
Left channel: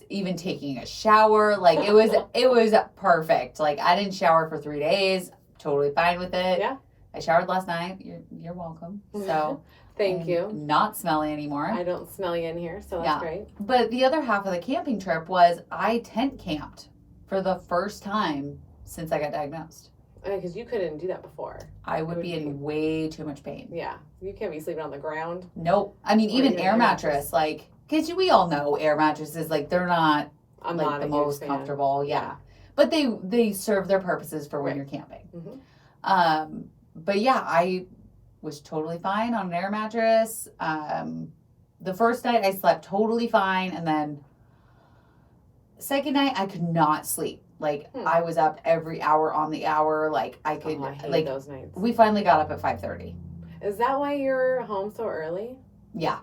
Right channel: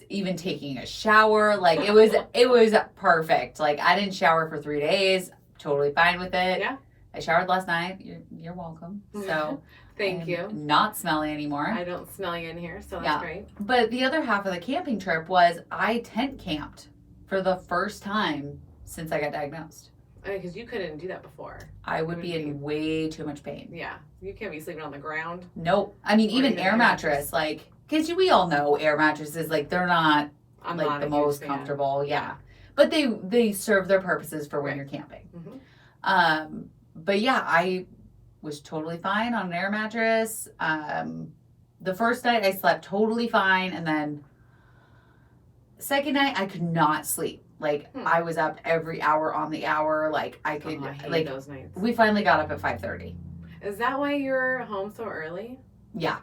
even taking a shower. Like it was perfect. Like I didn't shower for 3 days. Totally fine with it. Yeah. I showered last night. You're welcome. So Thank I'm you. Not smelly anymore. I don't smell you in here, so that's Yeah. great. But the other half of the camping trip was I tent camped for the first time since I got diagnosed. Because you couldn't do that before. I would be in way too much pain. Yeah. You can't be sleeping on the ground. Nope. I mean, Or even even air air mattress, like, because we all know air mattresses, like, they're not I'm like not the a most huge fan. comfortable. Yeah. But they serve their purposes for when Right. you're camping. Mhm. But yeah, I was totally fine on an air mattress. The first night I slept totally fine, and then second night I could not sleep. Like I was up every hour on the hour. Like I could Oh, I hate like those nights. we finally got up at 5:30. Is that why you're home so early? Yeah.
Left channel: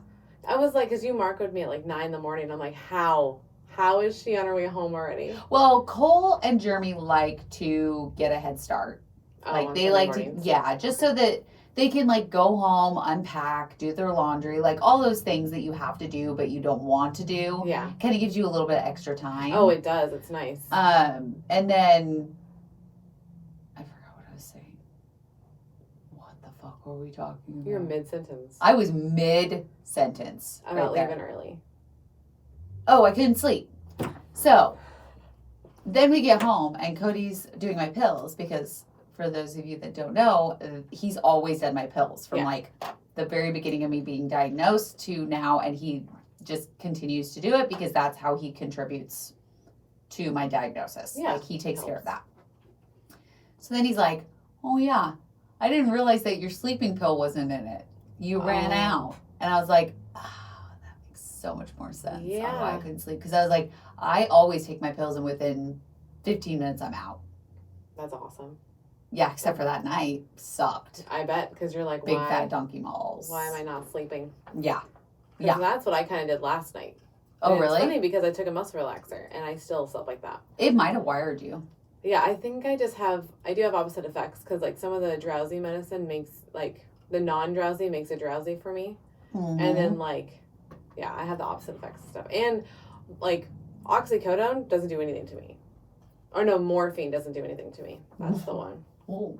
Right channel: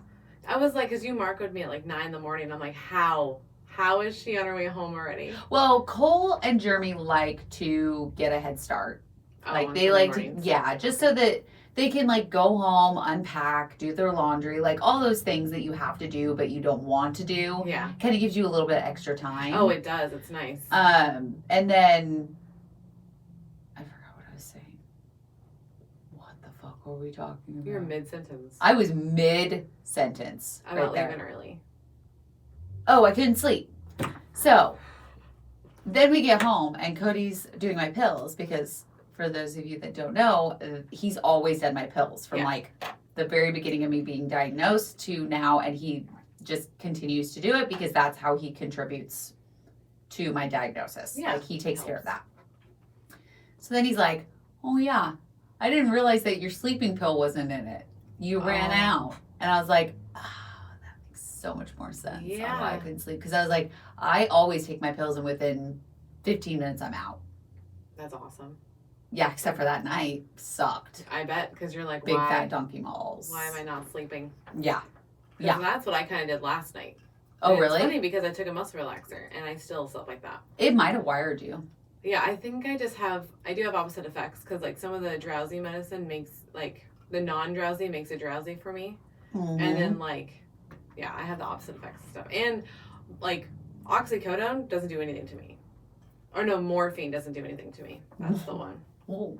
I was like, because you marcoed me at like 9 a.m. I'm like, how? How is she on her way home already? Well, Cole and Jeremy like to get a head start. Like on they Sunday like mornings. to, yeah, just so that they can like go home, unpack, do their laundry, like all those things that you have to do but you don't want to do. Yeah. Kind of gives you a little bit of extra time. Oh, it does. It's nice. And then I forgot what I was saying. What the fuck were we talking about? You're mid-sentence. I was mid sentence. About right leaving there. early. Oh, I couldn't sleep. So then we get home and Cody's doing my pills because for those of you that don't know, he's always done my pills from Yeah. like the very beginning of me being diagnosed to now, and he just continues to do it because that's how he contributes to my diagnosis. Yeah. Like he takes care of that. So then he's like, oh yeah, I didn't realize that your sleeping pill wasn't in it. You ran out. And I was like, that makes so much more sense on why I couldn't sleep. Because I was like, I always take my pills and within 15 minutes I'm out. That's awesome. Yeah, except for that night. Sucked. I bet, because you're like, Big fat donkey malls. Why am I not sleeping? Yeah. Yeah. That's what I kind of did last night. Oh, really? It's funny because I took a muscle relaxer and I still slept like that. It might have wired you. Yeah, I think I do have opposite effects because like some of the drowsy medicine makes like the non-drowsy makes it drowsy for me. Mm-hmm. And then like, yeah, I have the opposite effects and stuff. And like oxycodone doesn't do anything to me. Or no, morphine doesn't do anything to me. That's the one. Ooh.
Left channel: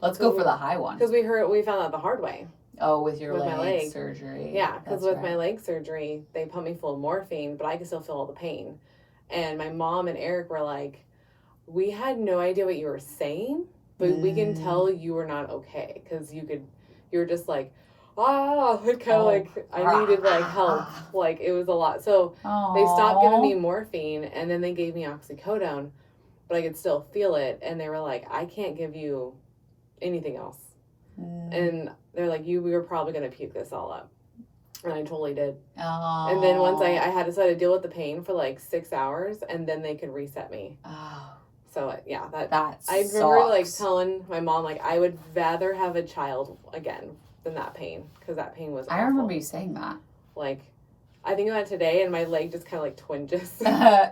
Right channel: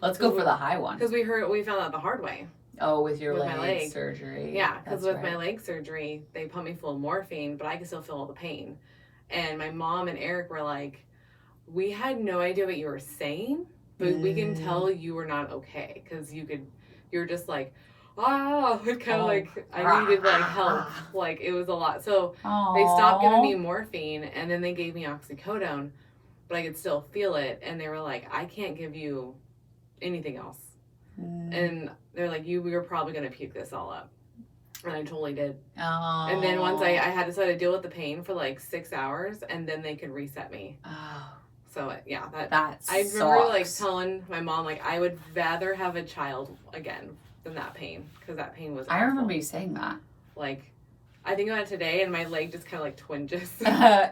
Let's go for the high one. Because we found out the hard way. Oh, with your my leg surgery. Yeah, because with my leg surgery, they put me full of morphine, but I could still feel all the pain. And my mom and Eric were like, we had no idea what you were saying, but we can tell you were not okay. Because you were just like, kind of like, I needed like help. Like, it was a lot. So they stopped giving me morphine, and then they gave me oxycodone, but I could still feel it. And they were like, I can't give you anything else. And they're like, we were probably going to puke this all up. And I totally did. Oh. And then once I had to sort of deal with the pain for like 6 hours, and then they could reset me. Oh. So yeah, that I remember sucks. like telling my mom, like, I would rather have a child again than that pain, because that pain was awful. I remember you saying that. Like, I think about it today, and my leg just kind of like twinges.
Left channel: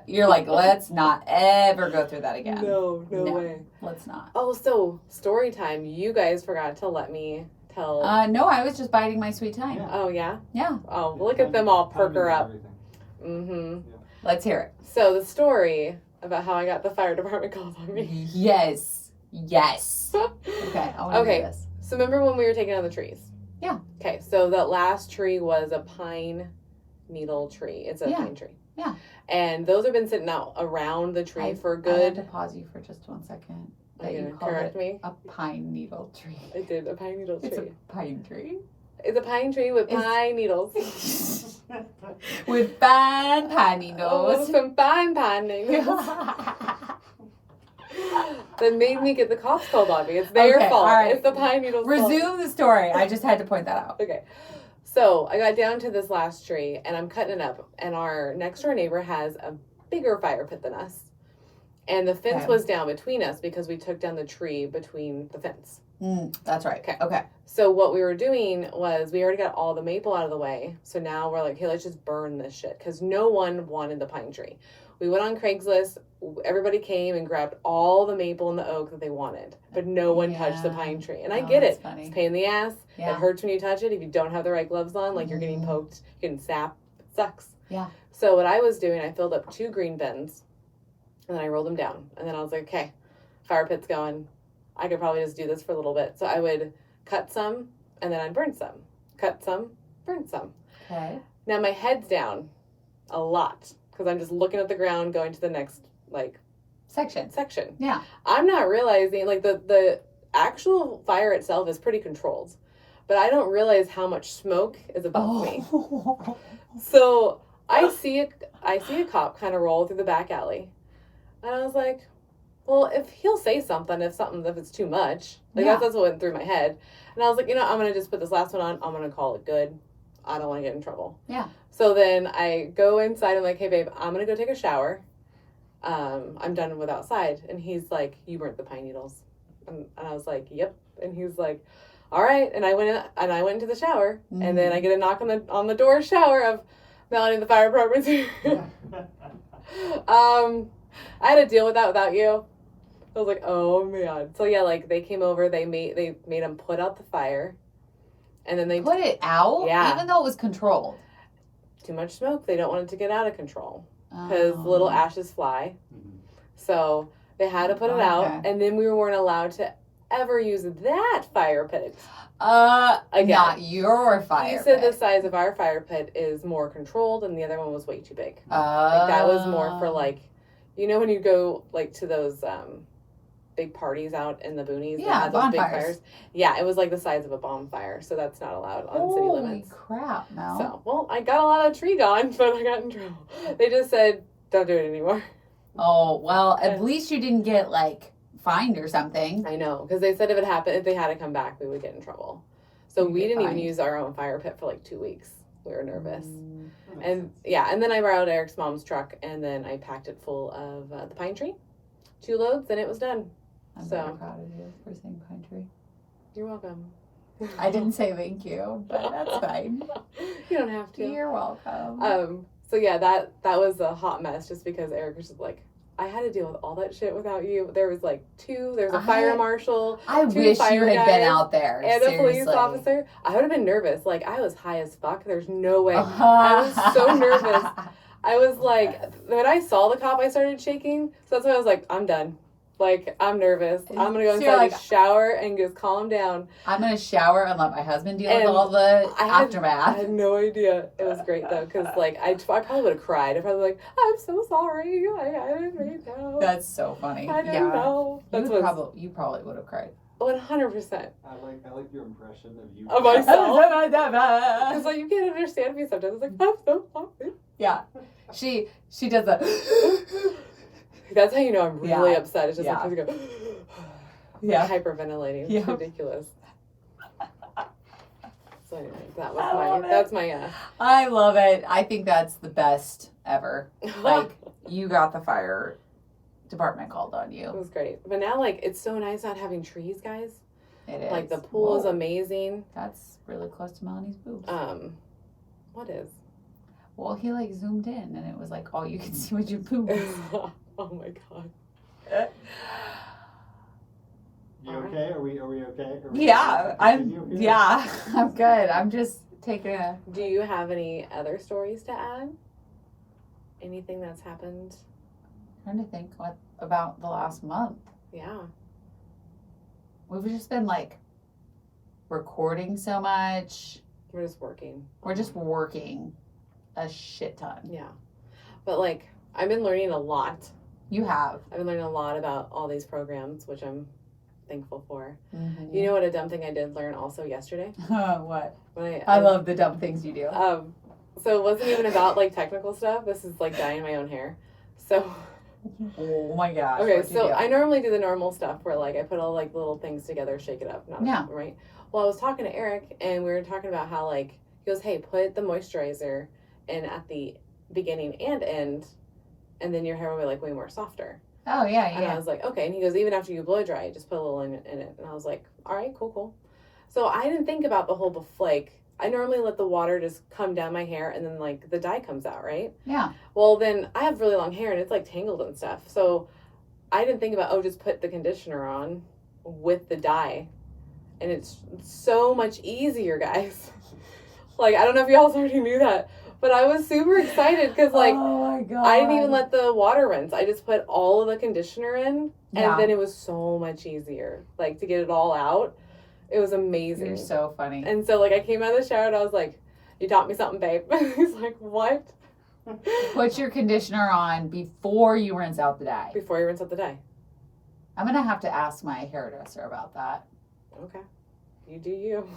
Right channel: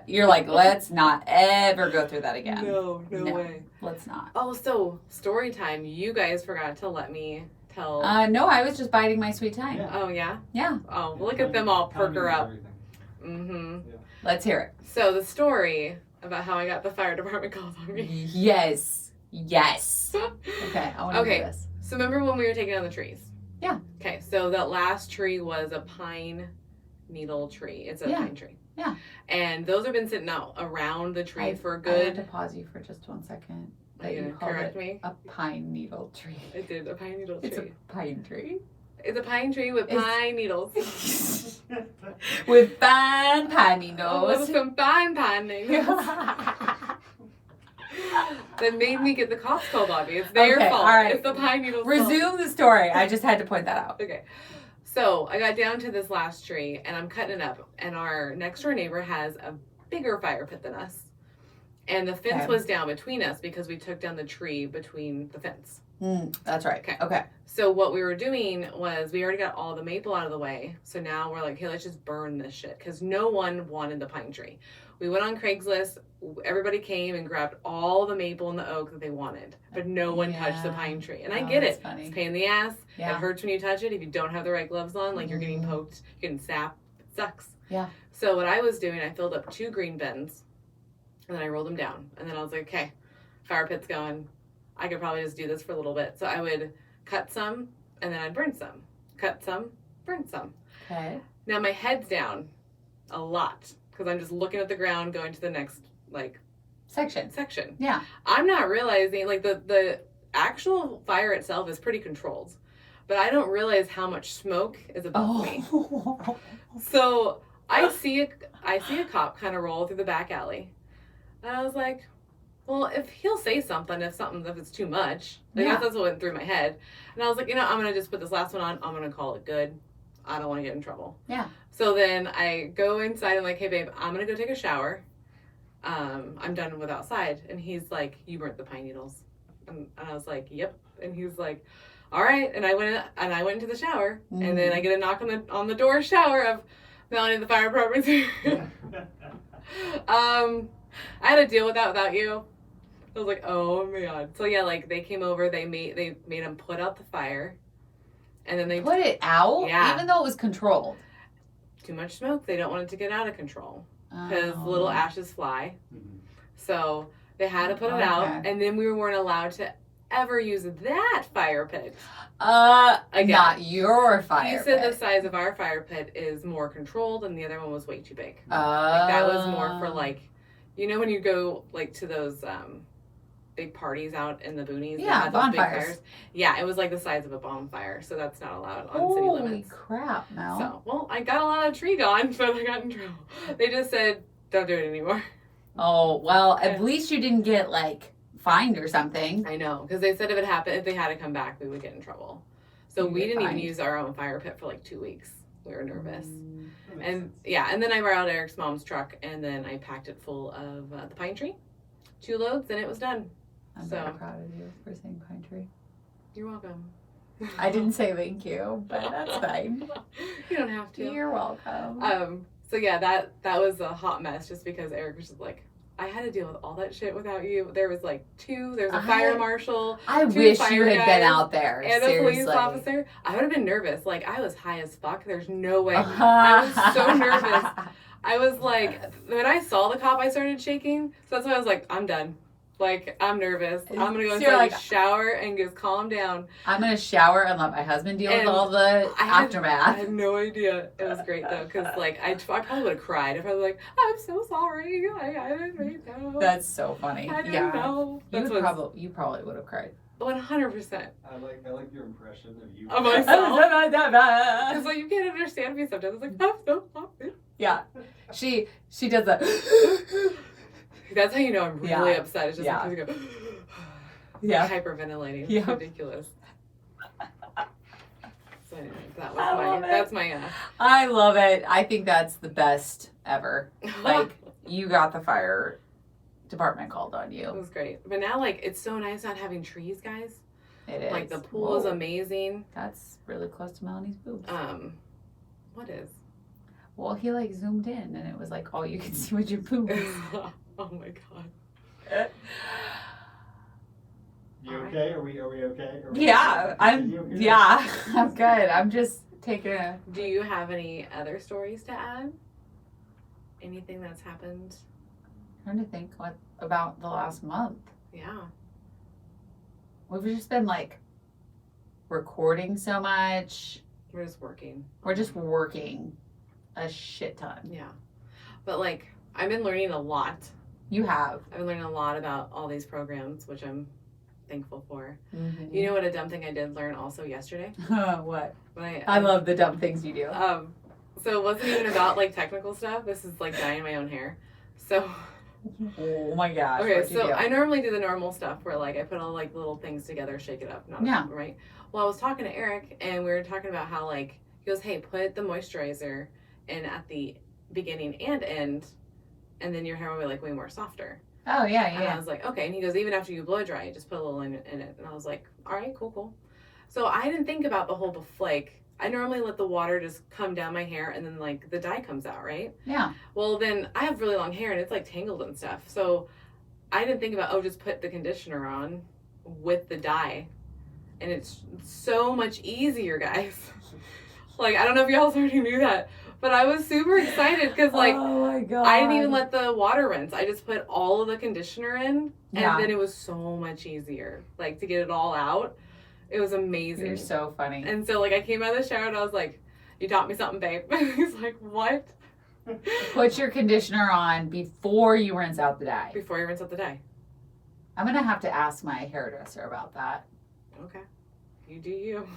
You're like, let's not ever go through that again. No way. Let's not. Oh, so story time. You guys forgot to let me tell. No, I was just biding my sweet time. Yeah. Oh, yeah? Yeah. Oh, look at them all perk her up. Mm-hmm. Yeah. Let's hear it. So the story about how I got the fire department called on me. Yes. Okay, I want to hear this. So remember when we were taking down the trees? Yeah. Okay, so that last tree was a pine needle tree. It's a pine tree. Yeah. And those have been sitting out around the tree for I good. have to pause you for just 1 second. Are you gonna correct me? A pine needle tree. I did, a pine needle tree. It's a pine tree. It's a pine tree with pine needles. With fine pine needles. Some fine pine needles. That made me get the cops called on me. It's their fault. All right. It's the pine needles. Resume the story. I just had to point that out. Okay. So I got down to this last tree and I'm cutting it up, and our next door neighbor has a bigger fire pit than us. And the fence was down between us because we took down the tree between the fence. That's right. Okay. So what we were doing was we already got all the maple out of the way. So now we're like, hey, let's just burn this shit, because no one wanted the pine tree. We went on Craigslist. Everybody came and grabbed all the maple and the oak that they wanted, but no one touched the pine tree. And I get it. Funny. It's a pain in the ass. Yeah. It hurts when you touch it. If you don't have the right gloves on, like you're getting poked, you're getting sap. It sucks. Yeah. So what I was doing, I filled up 2 green bins, and then I rolled them down. And then I was like, okay, fire pit's going. I could probably just do this for a little bit. So I would cut some, and then I'd burn some. Cut some, burn some. Okay. Now my head's down a lot, because I'm just looking at the ground, going to the next, like, Section. Yeah. I'm not realizing, like, the actual fire itself is pretty controlled, but I don't realize how much smoke is above me. So I see a cop kind of roll through the back alley, and I was like, well, if he'll say something, if it's too much, like that's what went through my head. And I was like, I'm gonna just put this last one on. I'm gonna call it good. I don't want to get in trouble. Yeah. So then I go inside and like, hey babe, I'm gonna go take a shower. I'm done with outside. And he's like, you burnt the pine needles. And I was like, yep. And he's like, all right. And I went into the shower, and then I get a knock on the door shower of Melanie, the fire department's here. I had to deal with that without you. I was like, oh man. So yeah, like they came over, they made them put out the fire, and then they put it out. Yeah. Even though it was controlled. Too much smoke. They don't want it to get out of control, because little ashes fly. So they had to put it out, and then we weren't allowed to ever use that fire pit. Again. Not your fire pit. He said the size of our fire pit is more controlled, and the other one was way too big. Like that was more for like, when you go like to those big parties out in the boonies. Yeah, that had those bonfires. big fires. Yeah, it was like the size of a bonfire, so that's not allowed on city limits. Holy crap, Mel. So, well, I got a lot of tree gone, but I got in trouble. They just said, don't do it anymore. Oh, well, at least you didn't get like fined or something. I know, because they said if it happened, if they had to come back, we would get in trouble. So You'd we get didn't even fined. use our own fire pit for like 2 weeks. We were nervous. Makes And sense. yeah, and then I borrowed Eric's mom's truck, and then I packed it full of the pine tree, 2 loads, and it was done. I'm So- very proud of you for saying pine tree. You're welcome. I didn't say thank you, but that's fine. You don't have to. You're welcome. So yeah, that was a hot mess just because Eric was just like, I had to deal with all that shit without you. There was like 2, there's a fire marshal I 2 wish fire you had been guys out there. and a police seriously. officer. I would have been nervous. Like, I was high as fuck. There's no way. I was so nervous. I was like, when I saw the cop, I started shaking. So that's why I was like, I'm done. Like, I'm nervous. I'm gonna go So inside you're and like- shower and just calm down. I'm gonna shower and let my husband deal with And all the I aftermath. had no idea. It was great though, because like I probably would have cried if I was like, I'm so sorry. I didn't mean to. That's so funny. I didn't Yeah. know. You That's would what you probably would have cried. 100%. I like your impression of you. Of myself. Because like you can't understand me sometimes. It's like, I'm so sorry. Yeah. She does that. That's how you know I'm really Yeah. upset. It's just Yeah. like you go Yeah. hyperventilating. It's Yeah. ridiculous. So anyway, I love it. that's my I love it. I think that's the best ever. Like, you got the fire department called on it you. was great. But now like it's so nice not having trees, guys. It is. Like the pool is Whoa. amazing. That's really close to Melanie's boobs. What is? Well, he like zoomed in and it was like all you can see was your boobs. Oh my god. You okay? Are we okay? Are we Yeah, continue I'm. here? Yeah, I'm good. I'm just taking a. Do you have any other stories to add? Anything that's happened? Trying to think what about the last month. Yeah. We've just been like recording so much. We're just working. We're just working a shit ton. Yeah. But like I've been learning a lot. You have. I've been learning a lot about all these programs, which I'm thankful for. Mm-hmm. You know what a dumb thing I did learn also yesterday? What? When I love the dumb things you do. So it wasn't even about like technical stuff. This is like dyeing my own hair. So Oh my gosh. okay, what'd you so do? I normally do the normal stuff where like I put all like little things together, shake it up, Yeah. right? Well, I was talking to Eric and we were talking about how like he goes, "Hey, put the moisturizer in at the beginning and end, and then your hair will be like way more softer." Oh yeah, And I yeah. was like, okay. And he goes, even after you blow dry, just put a little in it. And I was like, all right, cool. So I didn't think about the whole like, I normally let the water just come down my hair and then like the dye comes out, right? Yeah. Well, then I have really long hair and it's like tangled and stuff. So I didn't think about, just put the conditioner on with the dye. And it's so much easier, guys. Like, I don't know if y'all already knew that, but I was super excited because like, oh my god. I didn't even let the water rinse. I just put all of the conditioner in, and Yeah. then it was so much easier, like to get it all out. It was amazing. You're so funny. And so, like, I came out of the shower and I was like, "You taught me something, babe." He's like, "What?" Put your conditioner on before you rinse out the dye. Before you rinse out the dye. I'm gonna have to ask my hairdresser about that. Okay, you do you.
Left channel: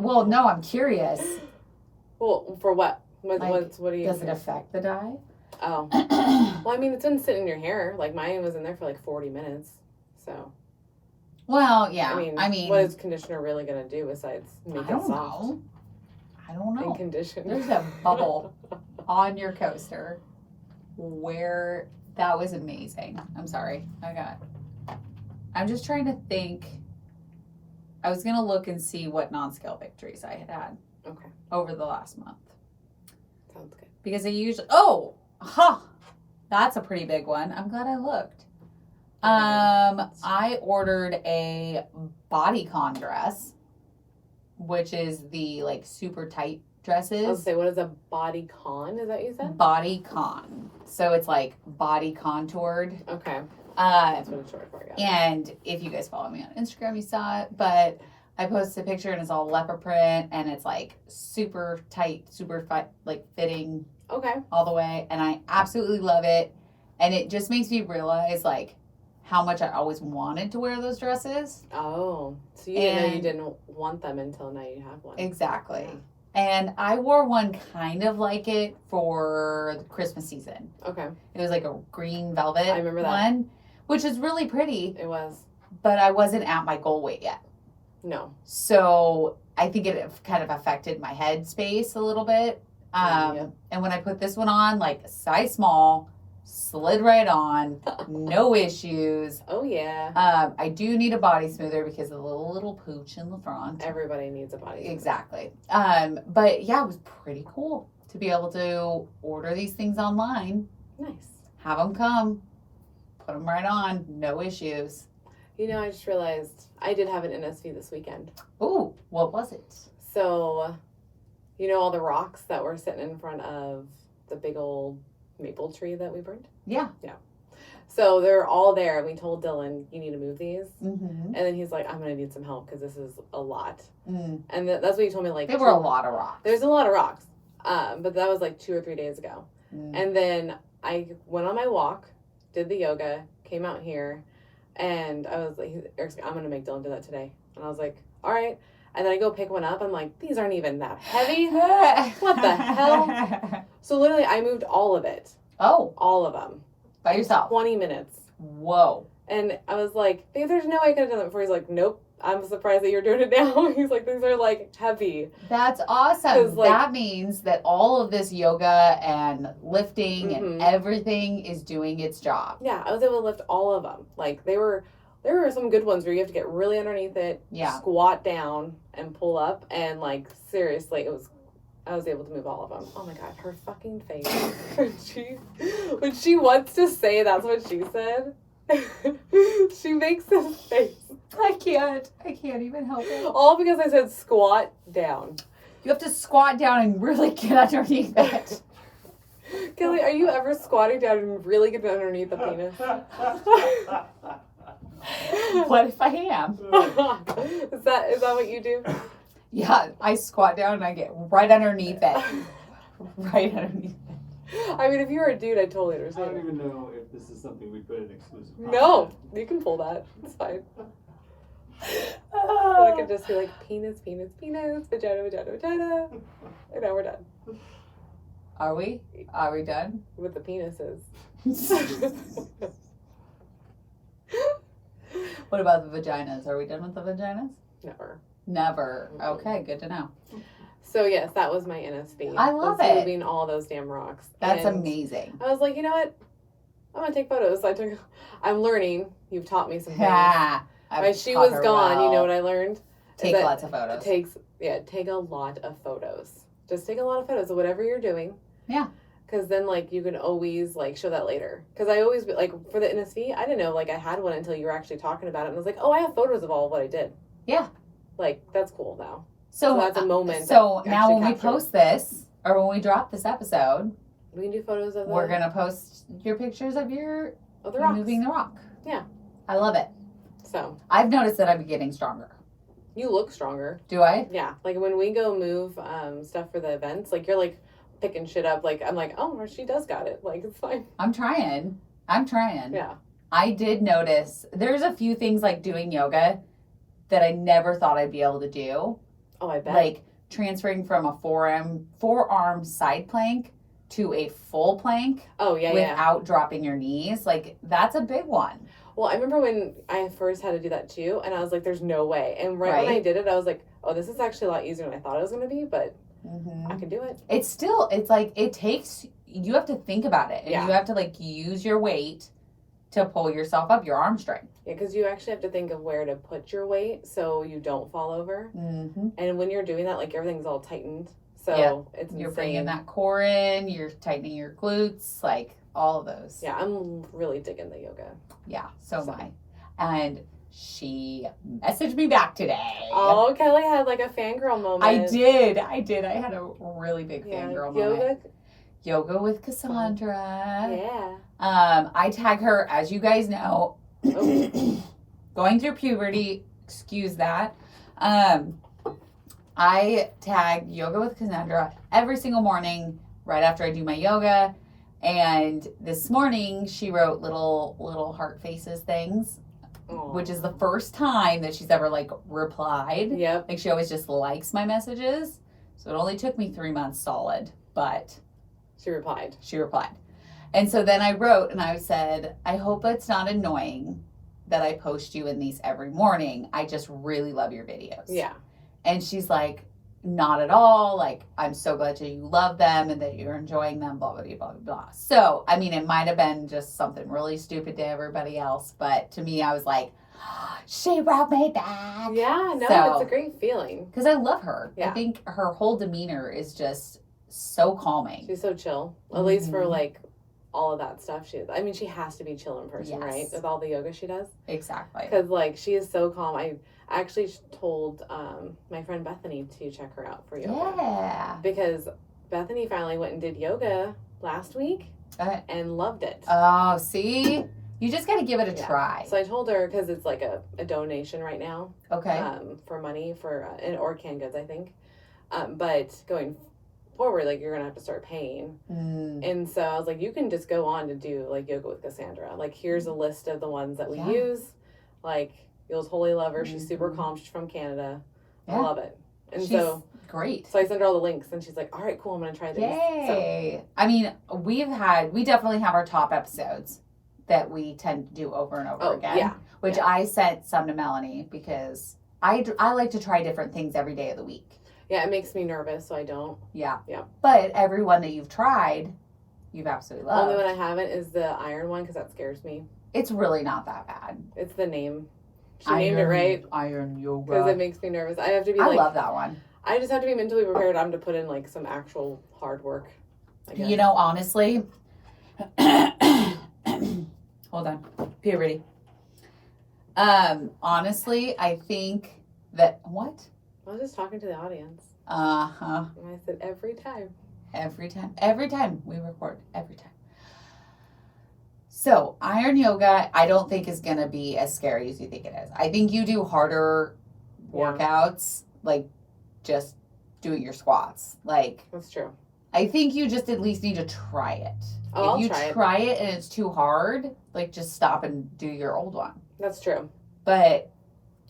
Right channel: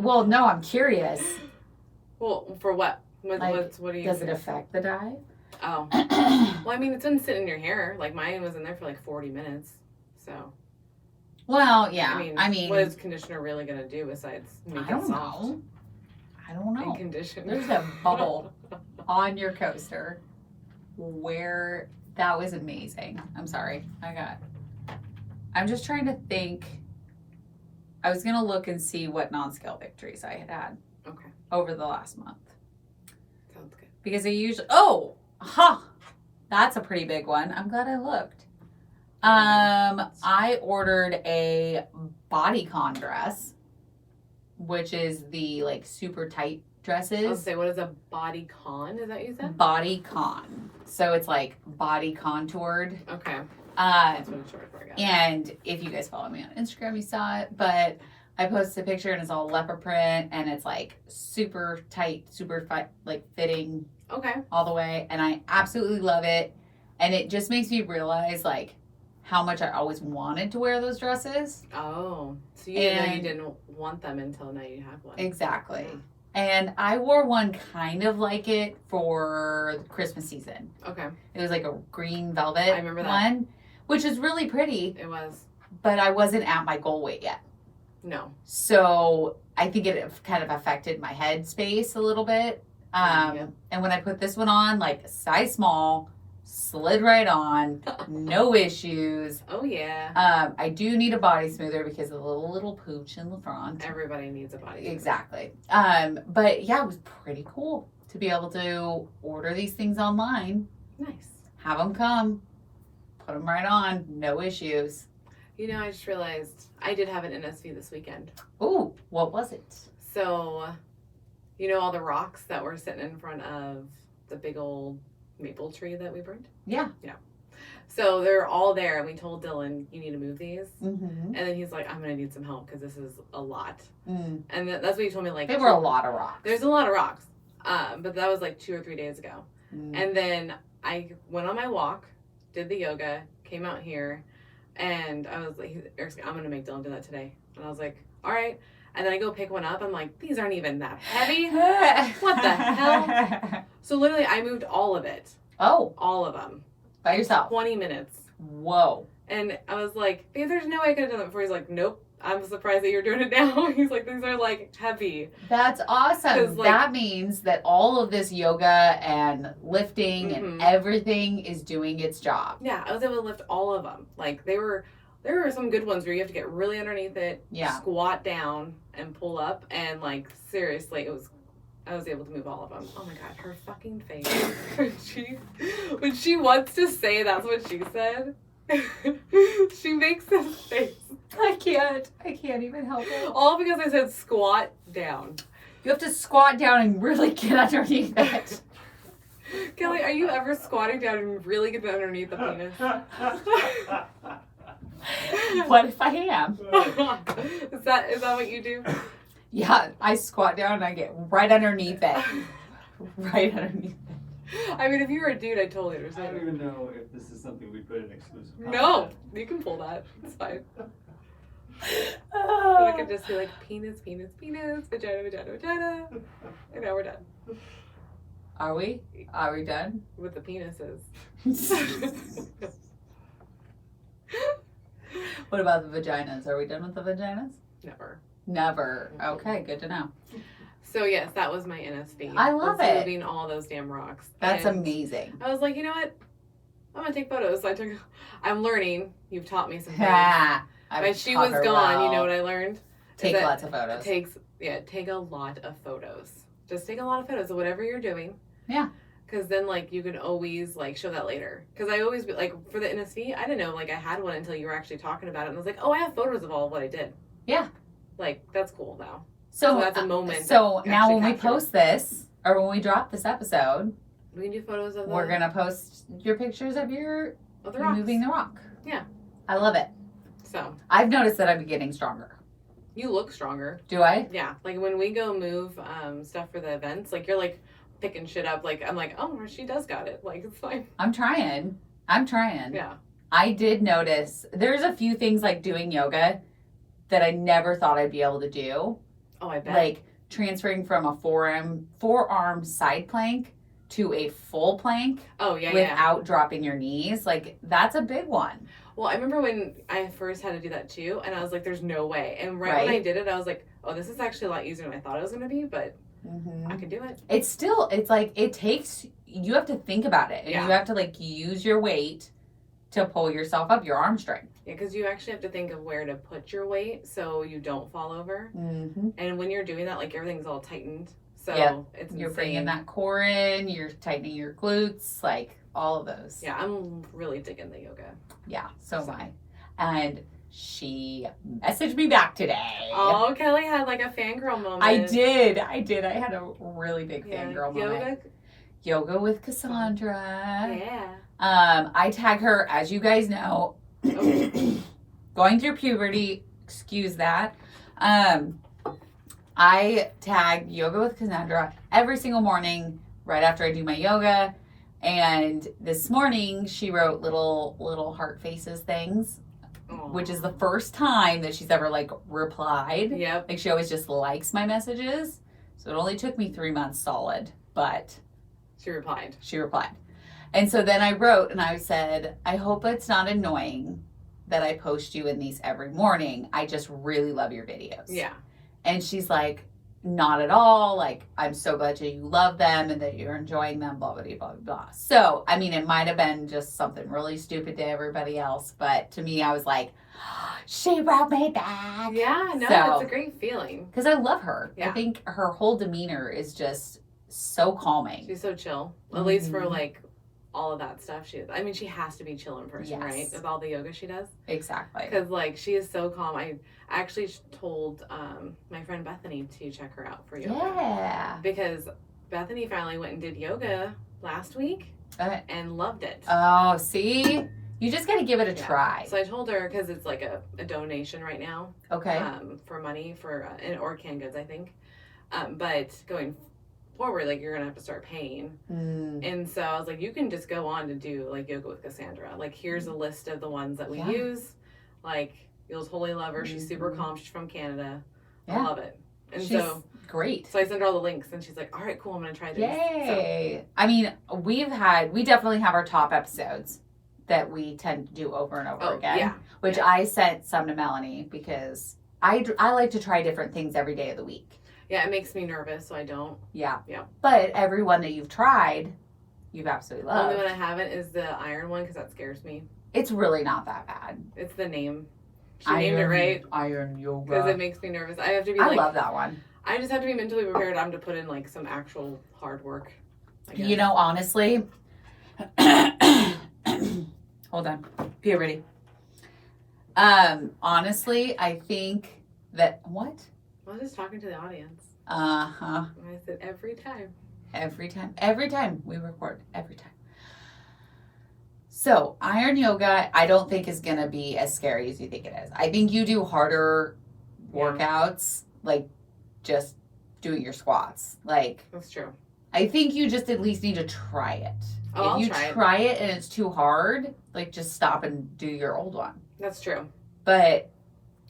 Well, no, I'm curious. Well, for what? What do you? Does it affect the dye? Oh, well, I mean, it's been sitting in your hair. Like mine was in there for like 40 minutes. So Well, yeah. I mean, what is conditioner really gonna do besides make I it don't soft know. I don't and know. condition? There's a bubble on your coaster where that was amazing. I'm sorry. I'm just trying to think. I was going to look and see what non-scale victories I had Okay, over the last month. sounds good. Because I usually, that's a pretty big one. I'm glad I looked. I ordered a bodycon dress, which is the like super tight I'll dresses. say, what is a body con? Is that what you said? Bodycon. So it's like body contoured. Okay, Uh, that's what it's short for. Yeah. and if you guys follow me on Instagram, you saw it. But I posted a picture and it's all leopard print and it's like super tight, super like fitting Okay. all the way. And I absolutely love it. And it just makes me realize like how much I always wanted to wear those dresses. Oh, so you didn't know you And- didn't want them until now you have one. Exactly. And I wore one kind of like it for the Christmas season. Okay. It was like a green velvet I remember that. one, which is really pretty, It was. but I wasn't at my goal weight yet. No. So I think it kind of affected my head space a little bit. Yeah. And when I put this one on, like size small, slid right on, no issues. Oh, yeah. I do need a body smoother because of the little pooch in the front. Everybody needs a body. Exactly. But yeah, it was pretty cool to be able to order these things online, Nice. have them come, put them right on, no issues. You know, I just realized I did have an NSV this weekend. Ooh, what was it? So, you know all the rocks that were sitting in front of the big old maple tree that we burned? Yeah. So they're all there. And we told Dylan, you need to move these. Mm-hmm. And then he's like, I'm going to need some help because this is a lot. Mm. And that's what he told me. Like, There were a lot of rocks. There's a lot of rocks. But that was like 2 or 3 days ago. Mm. And then I went on my walk, did the yoga, came out here, and I was like, Eric's like, I'm going to make Dylan do that today. And I was like, all right. And then I go pick one up. I'm like, these aren't even that heavy. What the hell? So literally, I moved all of it. Oh, All of them. by yourself. 20 minutes. Whoa. And I was like, babe, there's no way I could have done that before. He's like, nope. I'm surprised that you're doing it now. He's like, these are like heavy. That's awesome. 'Cause, like- That means that all of this yoga and lifting and Mhm. everything is doing its job. Yeah, I was able to lift all of them. Like there were some good ones where you have to get really underneath it, Yeah. squat down and pull up, and like seriously, I was able to move all of them. Oh my god, her fucking face when she wants to say that's what she said. She makes this face I can't even help it. all because I said squat down. You have to squat down and really get underneath it. Kelly, are you ever squatting down and really getting underneath the penis? What if I am? Is that what you do? Yeah, I squat down and I get right underneath it. Right underneath it. I mean, if you were a dude, I totally I don't understand. even know if this is something we put in exclusive. No, you can pull that. It's fine. Or I could just be like penis, penis, penis, vagina, vagina, vagina, and now we're done Are we? Are we done? with the penises. What about the vaginas? Are we done with the vaginas? Never. Never. Okay, good to know. So yes, that was my NSV. I love was it. Moving all those damn rocks. That's And amazing. I was like, you know what? I'm gonna take photos. So I'm learning. You've taught me some things. Ha! When she was gone, you know what I learned? Take that lots of photos. Take a lot of photos. Just take a lot of photos of whatever you're doing. Yeah. Because then, like, you can always, like, show that later. Because I always, like, for the NSV, I didn't know, like, I had one until you were actually talking about it. And I was like, oh, I have photos of all of what I did. Yeah. Like, that's cool now. So that's a moment. So to now actually when we capture. post this, or when we drop this episode, We can do photos of we're gonna post your pictures of the rocks. moving the rock. Yeah. I love it. So, I've noticed that I'm getting stronger. you look stronger. Do I? Yeah. Like, when we go move stuff for the events, like, you're, like, picking shit up. Like, I'm like, oh, she does got it. Like, it's fine. I'm trying. Yeah. I did notice there's a few things like doing yoga that I never thought I'd be able to do. Oh, I bet. Like transferring from a forearm side plank to a full plank oh, yeah, yeah. without dropping your knees. Like that's a big one. Well, I remember when I first had to do that too, and I was like, there's no way. And right when Right. I did it, I was like, oh, this is actually a lot easier than I thought it was going to be, but Mm-hmm. I could do it. It's like it takes, you have to think about it. And Yeah. you have to like use your weight to pull yourself up, your arm strength. Yeah, because you actually have to think of where to put your weight so you don't fall over. Mm-hmm. And when you're doing that, like everything's all tightened. So Yeah. it's You're insane. bringing that core in, you're tightening your glutes, like all of those. Yeah, I'm really digging the yoga. Yeah, so So. am I. And she messaged me back today. Oh, Kelly had like a fangirl moment. I did. I had a really big Yeah, fangirl yoga. moment. Yoga with Cassandra. Yeah. I tag her, as you guys know, Oh. going through puberty. Excuse that. I tag Yoga with Cassandra every single morning right after I do my yoga. And this morning she wrote little heart faces things, Aw. which is the first time that she's ever like replied. Yep. Like she always just likes my messages. So it only took me 3 months solid, but She replied. she replied. And so then I wrote and I said, I hope it's not annoying that I post you in these every morning. I just really love your videos. Yeah. And she's like, not at all. Like, I'm so glad that you love them and that you're enjoying them, blah, blah, blah, blah, blah. So, I mean, it might have been just something really stupid to everybody else. But to me, I was like, she wrote me back. Yeah, no, So, it's a great feeling. because I love her. Yeah. I think her whole demeanor is just so calming. She's so chill. At least for like all of that stuff. She has to be chill in person, right? With all the yoga she does. Exactly. Because like she is so calm. I actually told my friend Bethany to check her out for yoga. Yeah. Because Bethany finally went and did yoga last week and loved it. Oh, see? You just got to give it a try. So I told her, because it's like a donation right now. Okay. For money for, or canned goods, I think. But going forward, like, you're going to have to start paying. And so I was like, you can just go on to do like yoga with Cassandra. Like, here's a list of the ones that we use. Like, you'll totally love her. She's super calm. She's from Canada. I love it. And she's so great. So I sent her all the links and she's like, all right, cool. I'm going to try this. Yay. So. I mean, we definitely have our top episodes that we tend to do over and over again. Yeah. Which I sent some to Melanie because I like to try different things every day of the week. Yeah, it makes me nervous, so I don't. Yeah. But every one that you've tried, you've absolutely loved. Only one I haven't is the iron one because that scares me. It's really not that bad. It's the name. She named it right. Iron yoga. Because it makes me nervous. I have to be I love that one. I just have to be mentally prepared. I'm to put in like some actual hard work. You know, honestly. Hold on. Puberty. Honestly, I think that what? I was just talking to the audience. Uh-huh. And I said every time. Every time we record. Every time. So, iron yoga, I don't think is going to be as scary as you think it is. I think you do harder workouts, like just doing your squats. Like, that's true. I think you just at least need to try it. Oh, if you try it and it's too hard, like just stop and do your old one. That's true. But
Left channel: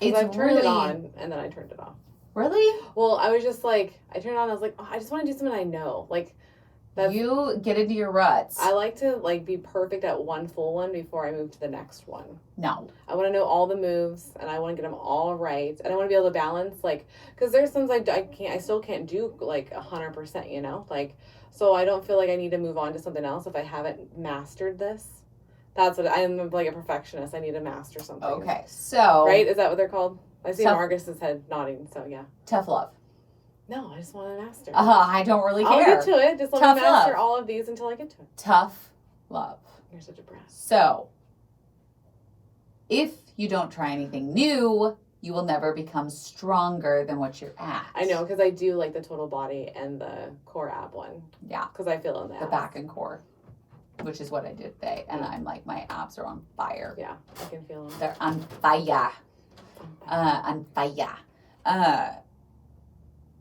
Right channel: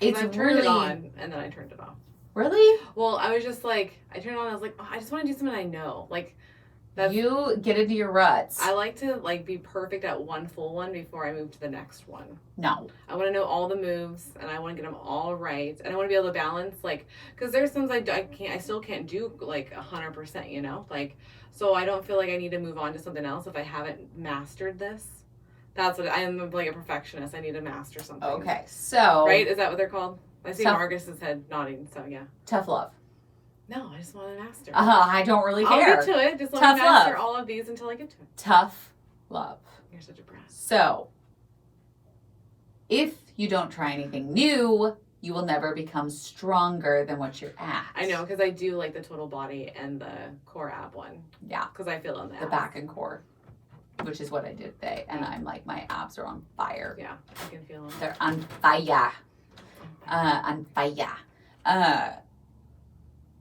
it's I've turned it on and then I turned it off. Really? Well, I was just like, I turned it on. I was like, oh, I just want to do something I know. Like, you get into your ruts. I like to like be perfect at one full one before I move to the next one. No. I want to know all the moves and I want to get them all right. And I want to be able to balance, like, because there's some I still can't do like 100%, you know? Like, so I don't feel like I need to move on to something else if I haven't mastered this. That's what I am, like a perfectionist. I need to master something. Okay, so. Right? Is that what they're called? I see Marcus's head nodding, so yeah. Tough love. No, I just want to master. I don't really care. I'll get to it. Just let me master all of these until I get to it. Tough love. You're such a brat. So, if you don't try anything new, you will never become stronger than what you're at. I know, because I do like the total body and the core ab one. Yeah. Because I feel in the abs. The back and core, which is what I did today. And I'm like, my abs are on fire. Yeah, I can feel them. They're on fire. On fire.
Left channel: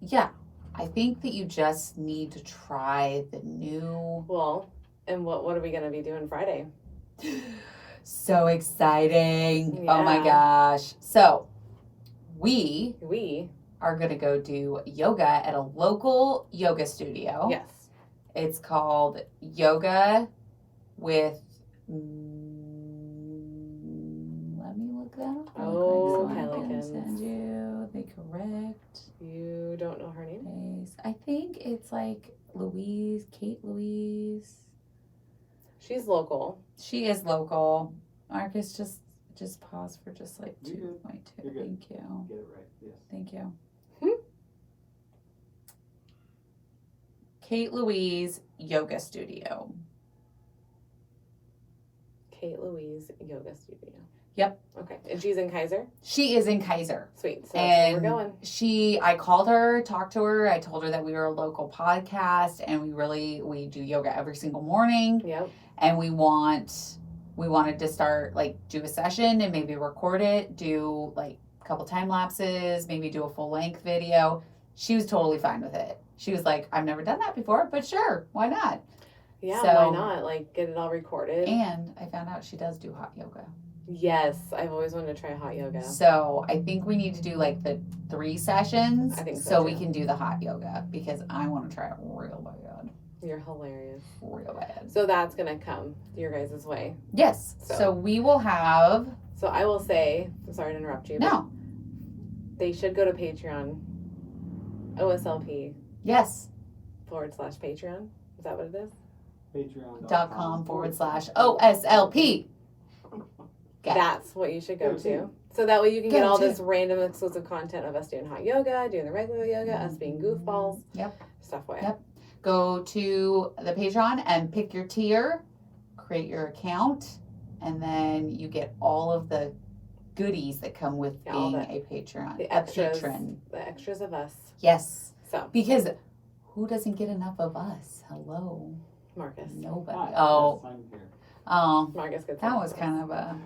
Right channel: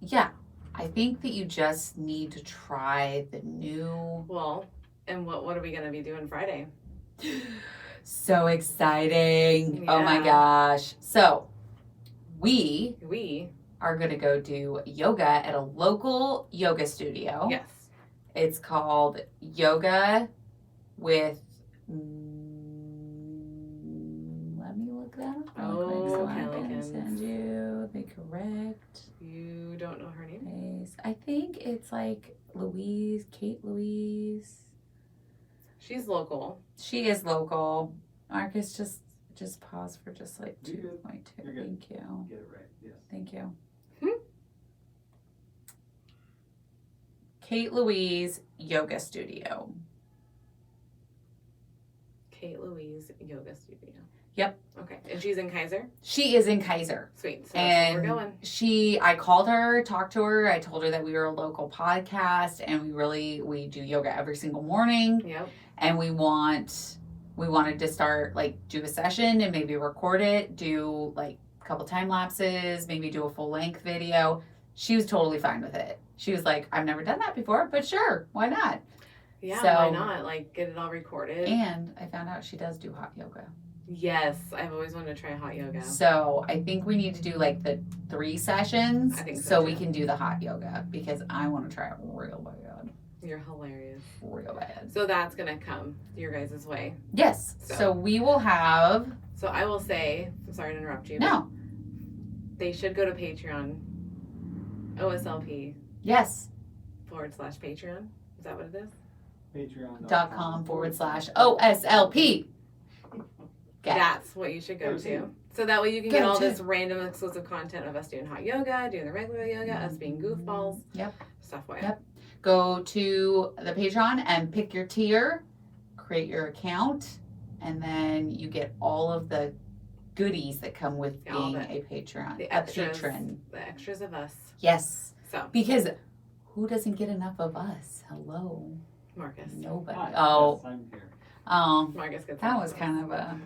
Yeah, I think that you just need to try the new. Well, and what are we going to be doing Friday? So exciting. Yeah. Oh my gosh. So we are going to go do yoga at a local yoga studio. Yes. It's called Yoga with, let me look that up real quick so I can send you the correct. You don't know her name? I think it's like Kate Louise. She's local. She is local. Marcus, just pause for just like 2.2. Thank you. Get it right. Yes. Thank you. Kate Louise Yoga Studio. Kate Louise Yoga Studio. Yep. Okay. And she's in Kaiser? She is in Kaiser. Sweet. So that's where we're going. I called her, talked to her. I told her that we were a local podcast and we do yoga every single morning. Yep. And we wanted to start like do a session and maybe record it, do like a couple time lapses, maybe do a full length video. She was totally fine with it. She was like, I've never done that before, but sure, why not? Yeah, why not? Like, get it all recorded. And I found out she does do hot yoga. Yes, I've always wanted to try hot yoga. So I think we need to do like the 3 sessions. I think so we can do the hot yoga because I want to try it real bad. You're hilarious. Real bad. So that's gonna come your guys' way. Yes. So- So we will have. So I will say, sorry to interrupt you. No. They should go to Patreon. OSLP Yes. /Patreon. Is that what it is? Patreon.com/OSLP. Get it. That's what you should go Go to. to. So that way you can Go get all to. this random exclusive content of us doing hot yoga, doing the regular yoga, us being goofballs. Yep. Stuff like Yep. Go to the Patreon and pick your tier, create your account, and then you get all of the goodies that come with Yeah, all being the- a Patreon. the A extras. patron. The extras of us. Yes. So, Because who doesn't get enough of us? Hello. Marcus. Nobody. Hi, Oh. yes, I'm here. Marcus gets That it. was kind of a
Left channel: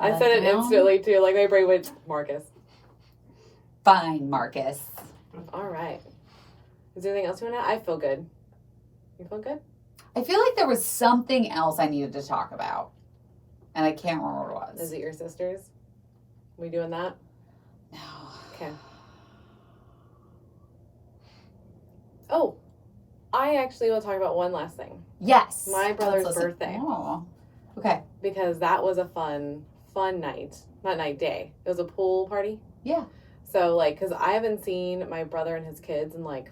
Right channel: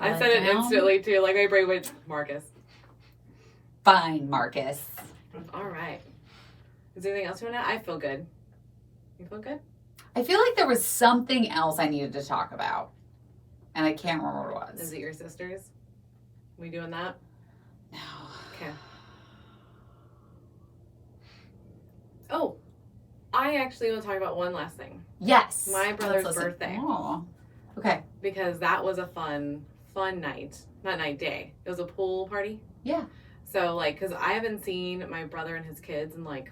I said it letdown. instantly too. Like my brain went, Marcus. fine, Marcus. All right. Is there anything else you want to add? I feel good. You feel good? I feel like there was something else I needed to talk about, and I can't remember what it Is was. it your sisters? We doing that? No. Okay. Oh, I actually will talk about one last thing. Yes. My brother's Let's listen. birthday. Oh. Okay. Because that was a fun night. Not night, day. It was a pool party. Yeah. So, like, because I haven't seen my brother and his kids in, like,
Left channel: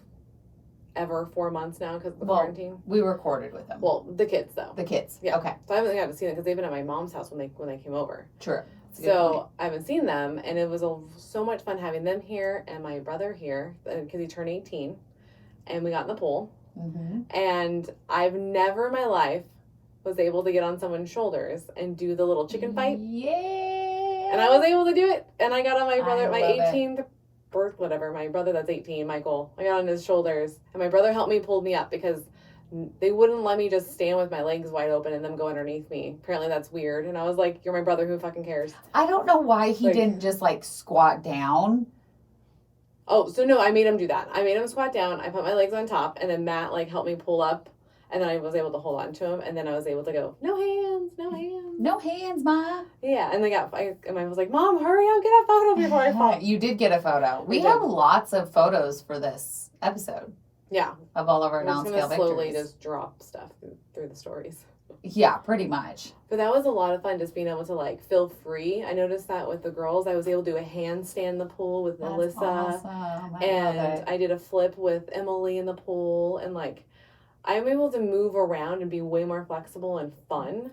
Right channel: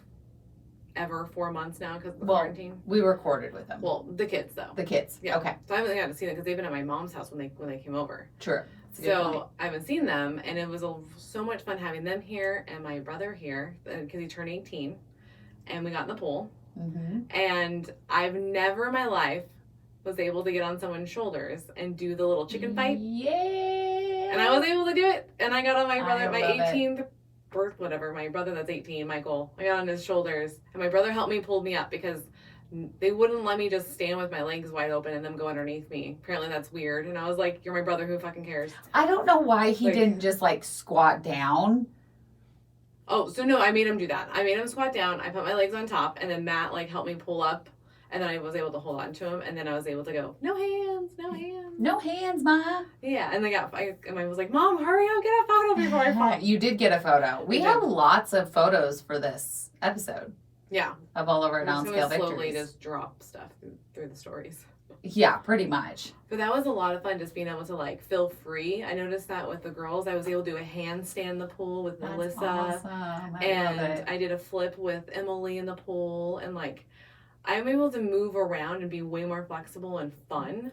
ever 4 months now because of the Well, quarantine. We recorded with them. Well, the kids, though. The kids. Yeah. Okay. So I haven't got to see them because they've been at my mom's house when they came over. True. That's a good So point. I haven't seen them, and it was so much fun having them here and my brother here because he turned 18, and we got in the pool. Mm-hmm. And I've never in my life was able to get on someone's shoulders and do the little chicken fight, Yeah. and I was able to do it. And I got on my brother, I my love it. 18th birth, whatever, my brother that's 18, Michael. I got on his shoulders, and my brother helped me pull me up because they wouldn't let me just stand with my legs wide open and them go underneath me. Apparently that's weird. And I was like, "You're my brother. Who fucking cares?" I don't know why he Like- didn't just like squat down. Oh, so no, I made him do that. I made him squat down. I put my legs on top, and then Matt like helped me pull up, and then I was able to hold on to him, and then I was able to go, no hands, no hands. No hands, Ma. Yeah, and I was like, Mom, hurry up, get a photo before I fall. You did get a photo. We We have did. lots of photos for this episode Yeah, of all of our I'm just non-scale gonna slowly victories. just drop stuff through the stories. Yeah, pretty much. But that was a lot of fun, just being able to like feel free. I noticed that with the girls, I was able to do a handstand in the pool with That's Melissa. awesome. I love And it. I did a flip with Emily in the pool, and like I'm able to move around and be way more flexible and fun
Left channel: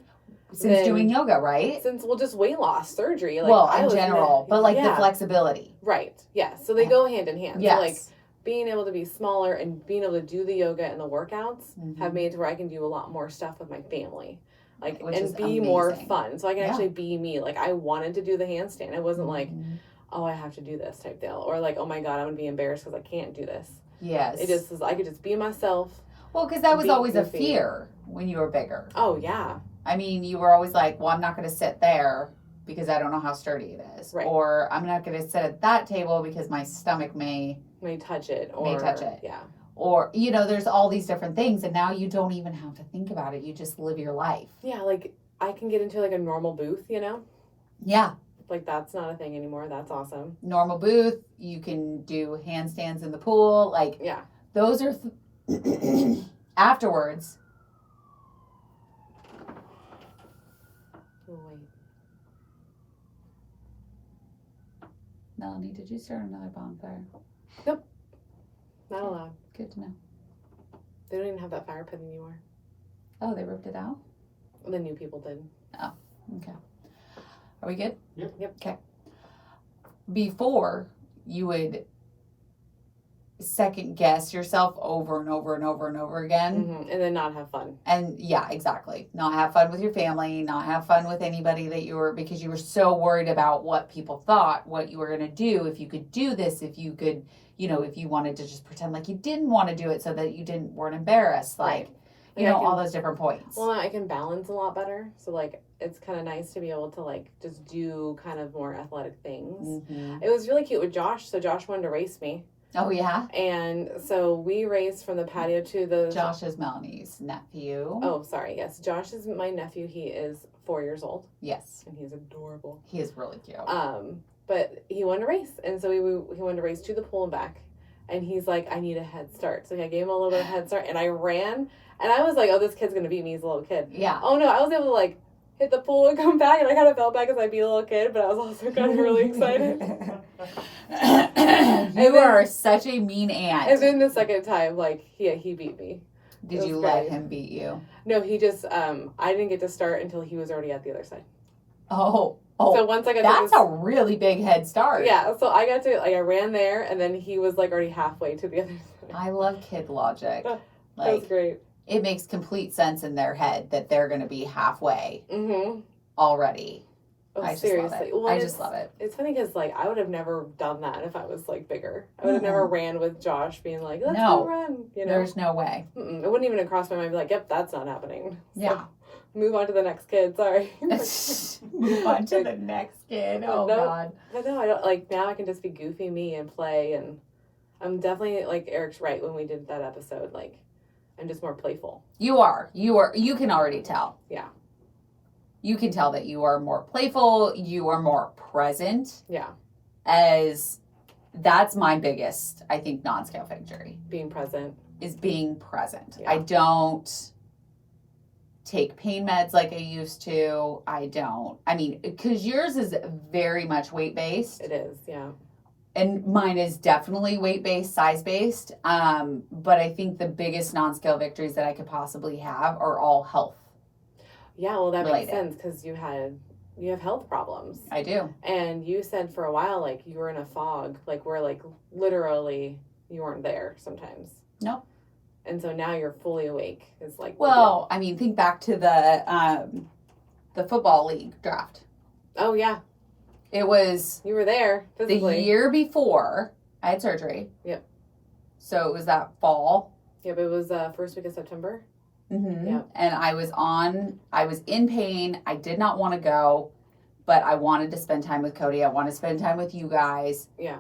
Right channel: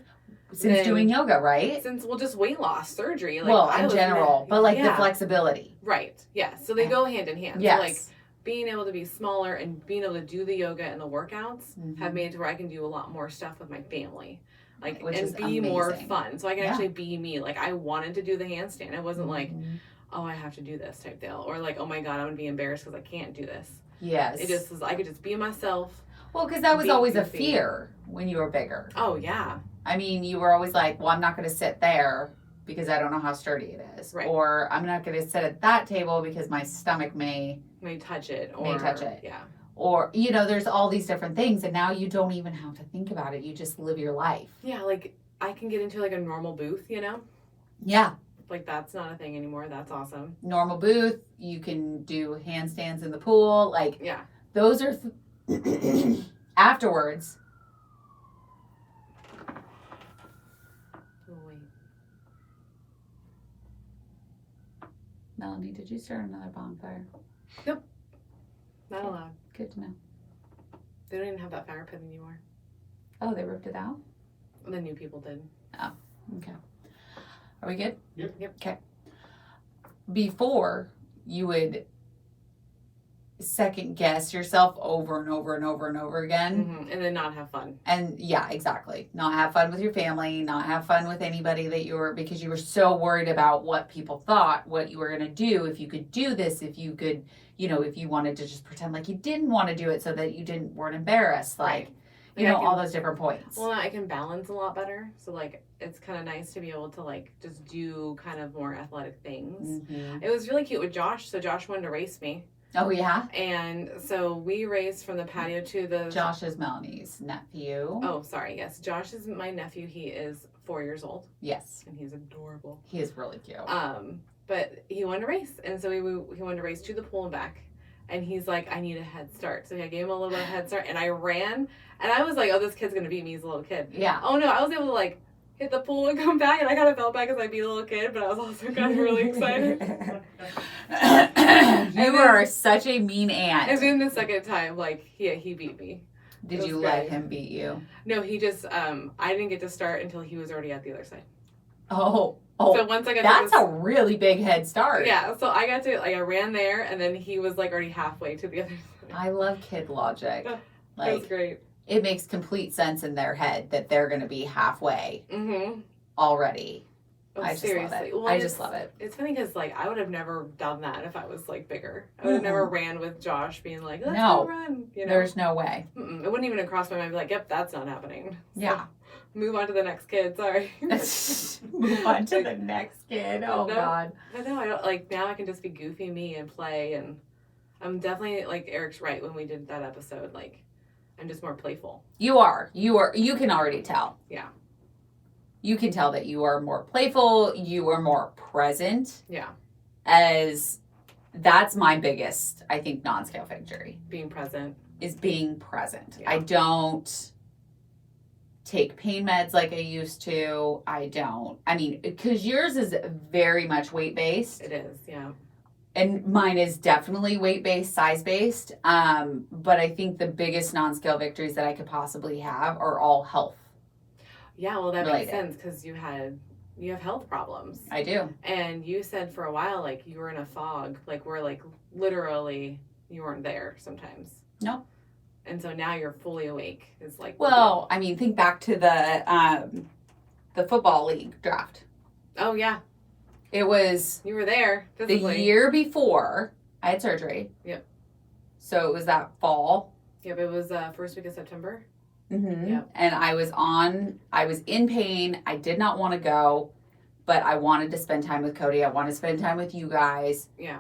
Since then- doing yoga, right? since just weight loss surgery. Like, well, I in was general, but like the yeah, flexibility. right, yeah. So they go hand in hand. Yes. So like being able to be smaller and being able to do the yoga and the workouts Mhm. have made it to where I can do a lot more stuff with my family. Like Which and is be more amazing. fun. So I can Yeah. actually be me. Like I wanted to do the handstand. I wasn't like, Mhm. oh, I have to do this type deal, or like, oh my god, I'm gonna be embarrassed because I can't do this. Yes. It just was, I could just be myself. well, because that was be always a goofy. fear when you were bigger. Oh yeah, I mean, you were always like, well, I'm not going to sit there because I don't know how sturdy it is. Right. Or I'm not going to sit at that table because my stomach may, touch it or May touch it. Yeah, or, you know, there's all these different things. And now you don't even have to think about it. You just live your life. yeah. Like I can get into like a normal booth, you know. Yeah. Like that's not a thing anymore. That's awesome. Normal booth. You can do handstands in the pool. Like, Yeah. those are afterwards. Oh, wait. Melanie, did you start another bonfire? Not allowed. Good to know. They don't even have that fire pit anymore. Oh, they ripped it out? The new people did. Okay. Are we good? Yep. Okay. Before, you would second guess yourself over and over and over and over again. And then not have fun. And yeah, exactly. Not have fun with your family, not have fun with anybody that you were, because you were so worried about what people thought, what you were going to do, if you could do this, if you could, you know, if you wanted to just pretend like you didn't want to do it so that you weren't embarrassed. Like, Right. you Like, know, I all can- those different points. Well, now I can balance a lot better. So like it's kind of nice to be able to like just do kind of more athletic things. Mhm. It was really cute with Josh. So Josh wanted to race me, Oh, yeah. and so we raced from the patio to the. Josh is Melanie's nephew. Oh, sorry. Yes, Josh is my nephew. He is 4 years old, Yes. and he's adorable. He is really cute. But he wanted to race, and so he wanted to race to the pool and back. And he's like, I need a head start. So I gave him a little bit of head start, and I ran. And I was like, oh, this kid's going to beat me. He's a little kid. Yeah. Oh, no. I was able to, like, hit the pool and come back. And I kind of felt bad because I beat a little kid. But I was also kind of really excited. You are such a mean aunt. And then the second time, like, he beat me. Did you let him beat you? No, he just, I didn't get to start until he was already at the other side. Oh. So once I got that's a really big head start. Yeah, so I got to, like, I ran there, and then he was, like, already halfway to the other side. I love kid logic. That Like, was great. it makes complete sense in their head that they're going to be halfway already. Oh, I just seriously. love it. Well, I just love it. It's funny because, like, I would have never done that if I was, like, bigger. I would have never ran with Josh being like, let's go run. You know? There's no way. It wouldn't even have crossed my mind. I'd be like, yep, that's not happening. So, Yeah. move on to the next kid. Sorry. Move on to the next kid. Oh, God. But no, I don't, like, now I can just be goofy me and play. And I'm definitely, like, Eric's right when we did that episode. Like, I'm just more playful. You are. You can already tell. Yeah. You can tell that you are more playful. You are more present. Yeah. As that's my biggest, I think, non-scale victory. Being present. Is being present. Yeah. I don't take pain meds like I used to. I mean, because yours is very much weight-based. It is, yeah. And mine is definitely weight-based, size-based. But I think the biggest non-scale victories that I could possibly have are all health. Yeah, well, that related. makes sense because you have health problems. I do. And you said for a while, like, you were in a fog, like, where, like, literally you weren't there sometimes. Nope. And so now you're fully awake. Is like, well, I mean, think back to the football league draft. Oh yeah, it was. You were there physically. The year before I had surgery. Yep. So it was that fall. Yep, it was first week of September. Mm-hmm. Yep. And I was in pain. I did not want to go, but I wanted to spend time with Cody. I wanted to spend time with you guys. Yeah.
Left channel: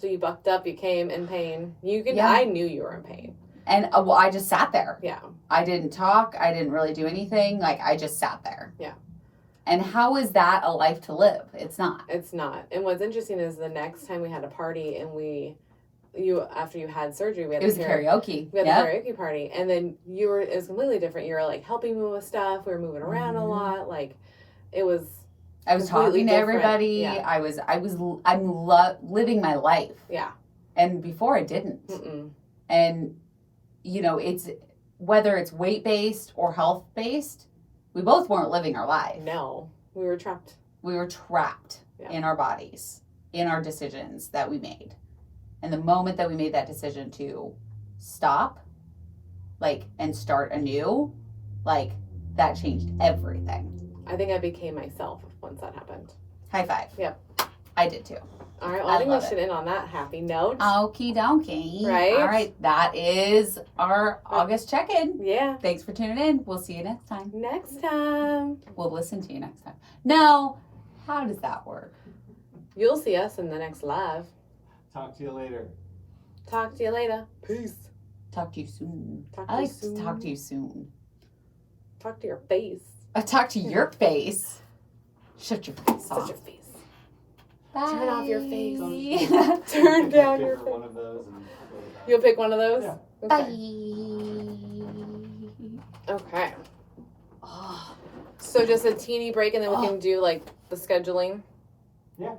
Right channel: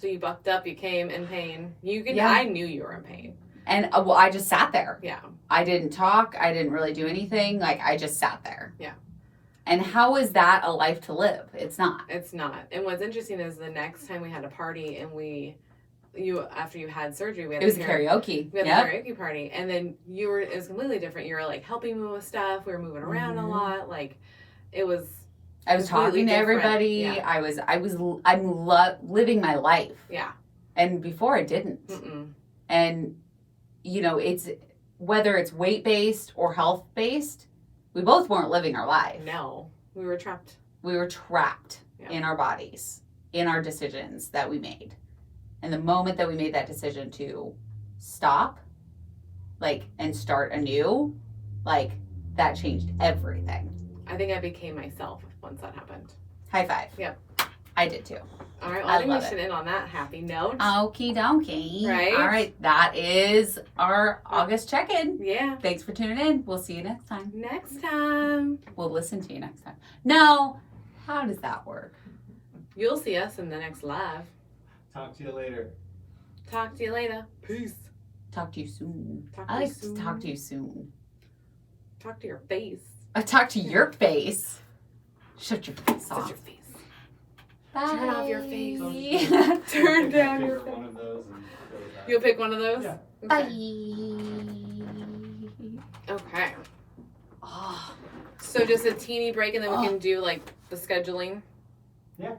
So you bucked up. You came in pain. Yeah. I knew you were in pain. And well, I just sat there. Yeah. I didn't talk. I didn't really do anything. Like, I just sat there. Yeah. And how is that a life to live? It's not. It's not. And what's interesting is the next time we had a party and after you had surgery, we had it was karaoke. We had the karaoke party, and then it was completely different. You were like helping me with stuff. We were moving around a lot. Like, it was. I was talking to everybody. Yeah. I'm living my life. Yeah. And before I didn't. Mm-mm. And, it's whether it's weight-based or health-based, we both weren't living our life. No, we were trapped. We were trapped in our bodies, in our decisions that we made. And the moment that we made that decision to stop, and start anew, that changed everything. I think I became myself once that happened. High five. Yep. I did too. All right, well, I think we should end on that happy note. Okie dokie. Right? All right, that is our August check-in. Yeah. Thanks for tuning in. We'll see you next time. Next time. We'll listen to you next time. No, how does that work? You'll see us in the next live. Talk to you later. Talk to you later. Peace. Talk to you soon. Talk to I you like soon. to talk to you soon. Talk to your face. I talk to your face. Shut your face Shut off. your face. Bye. Turn off your face. Turn down your face. One of those and You'll pick one of those? Yeah. Bye. Okay. Oh. So just a teeny break and then we can do the scheduling.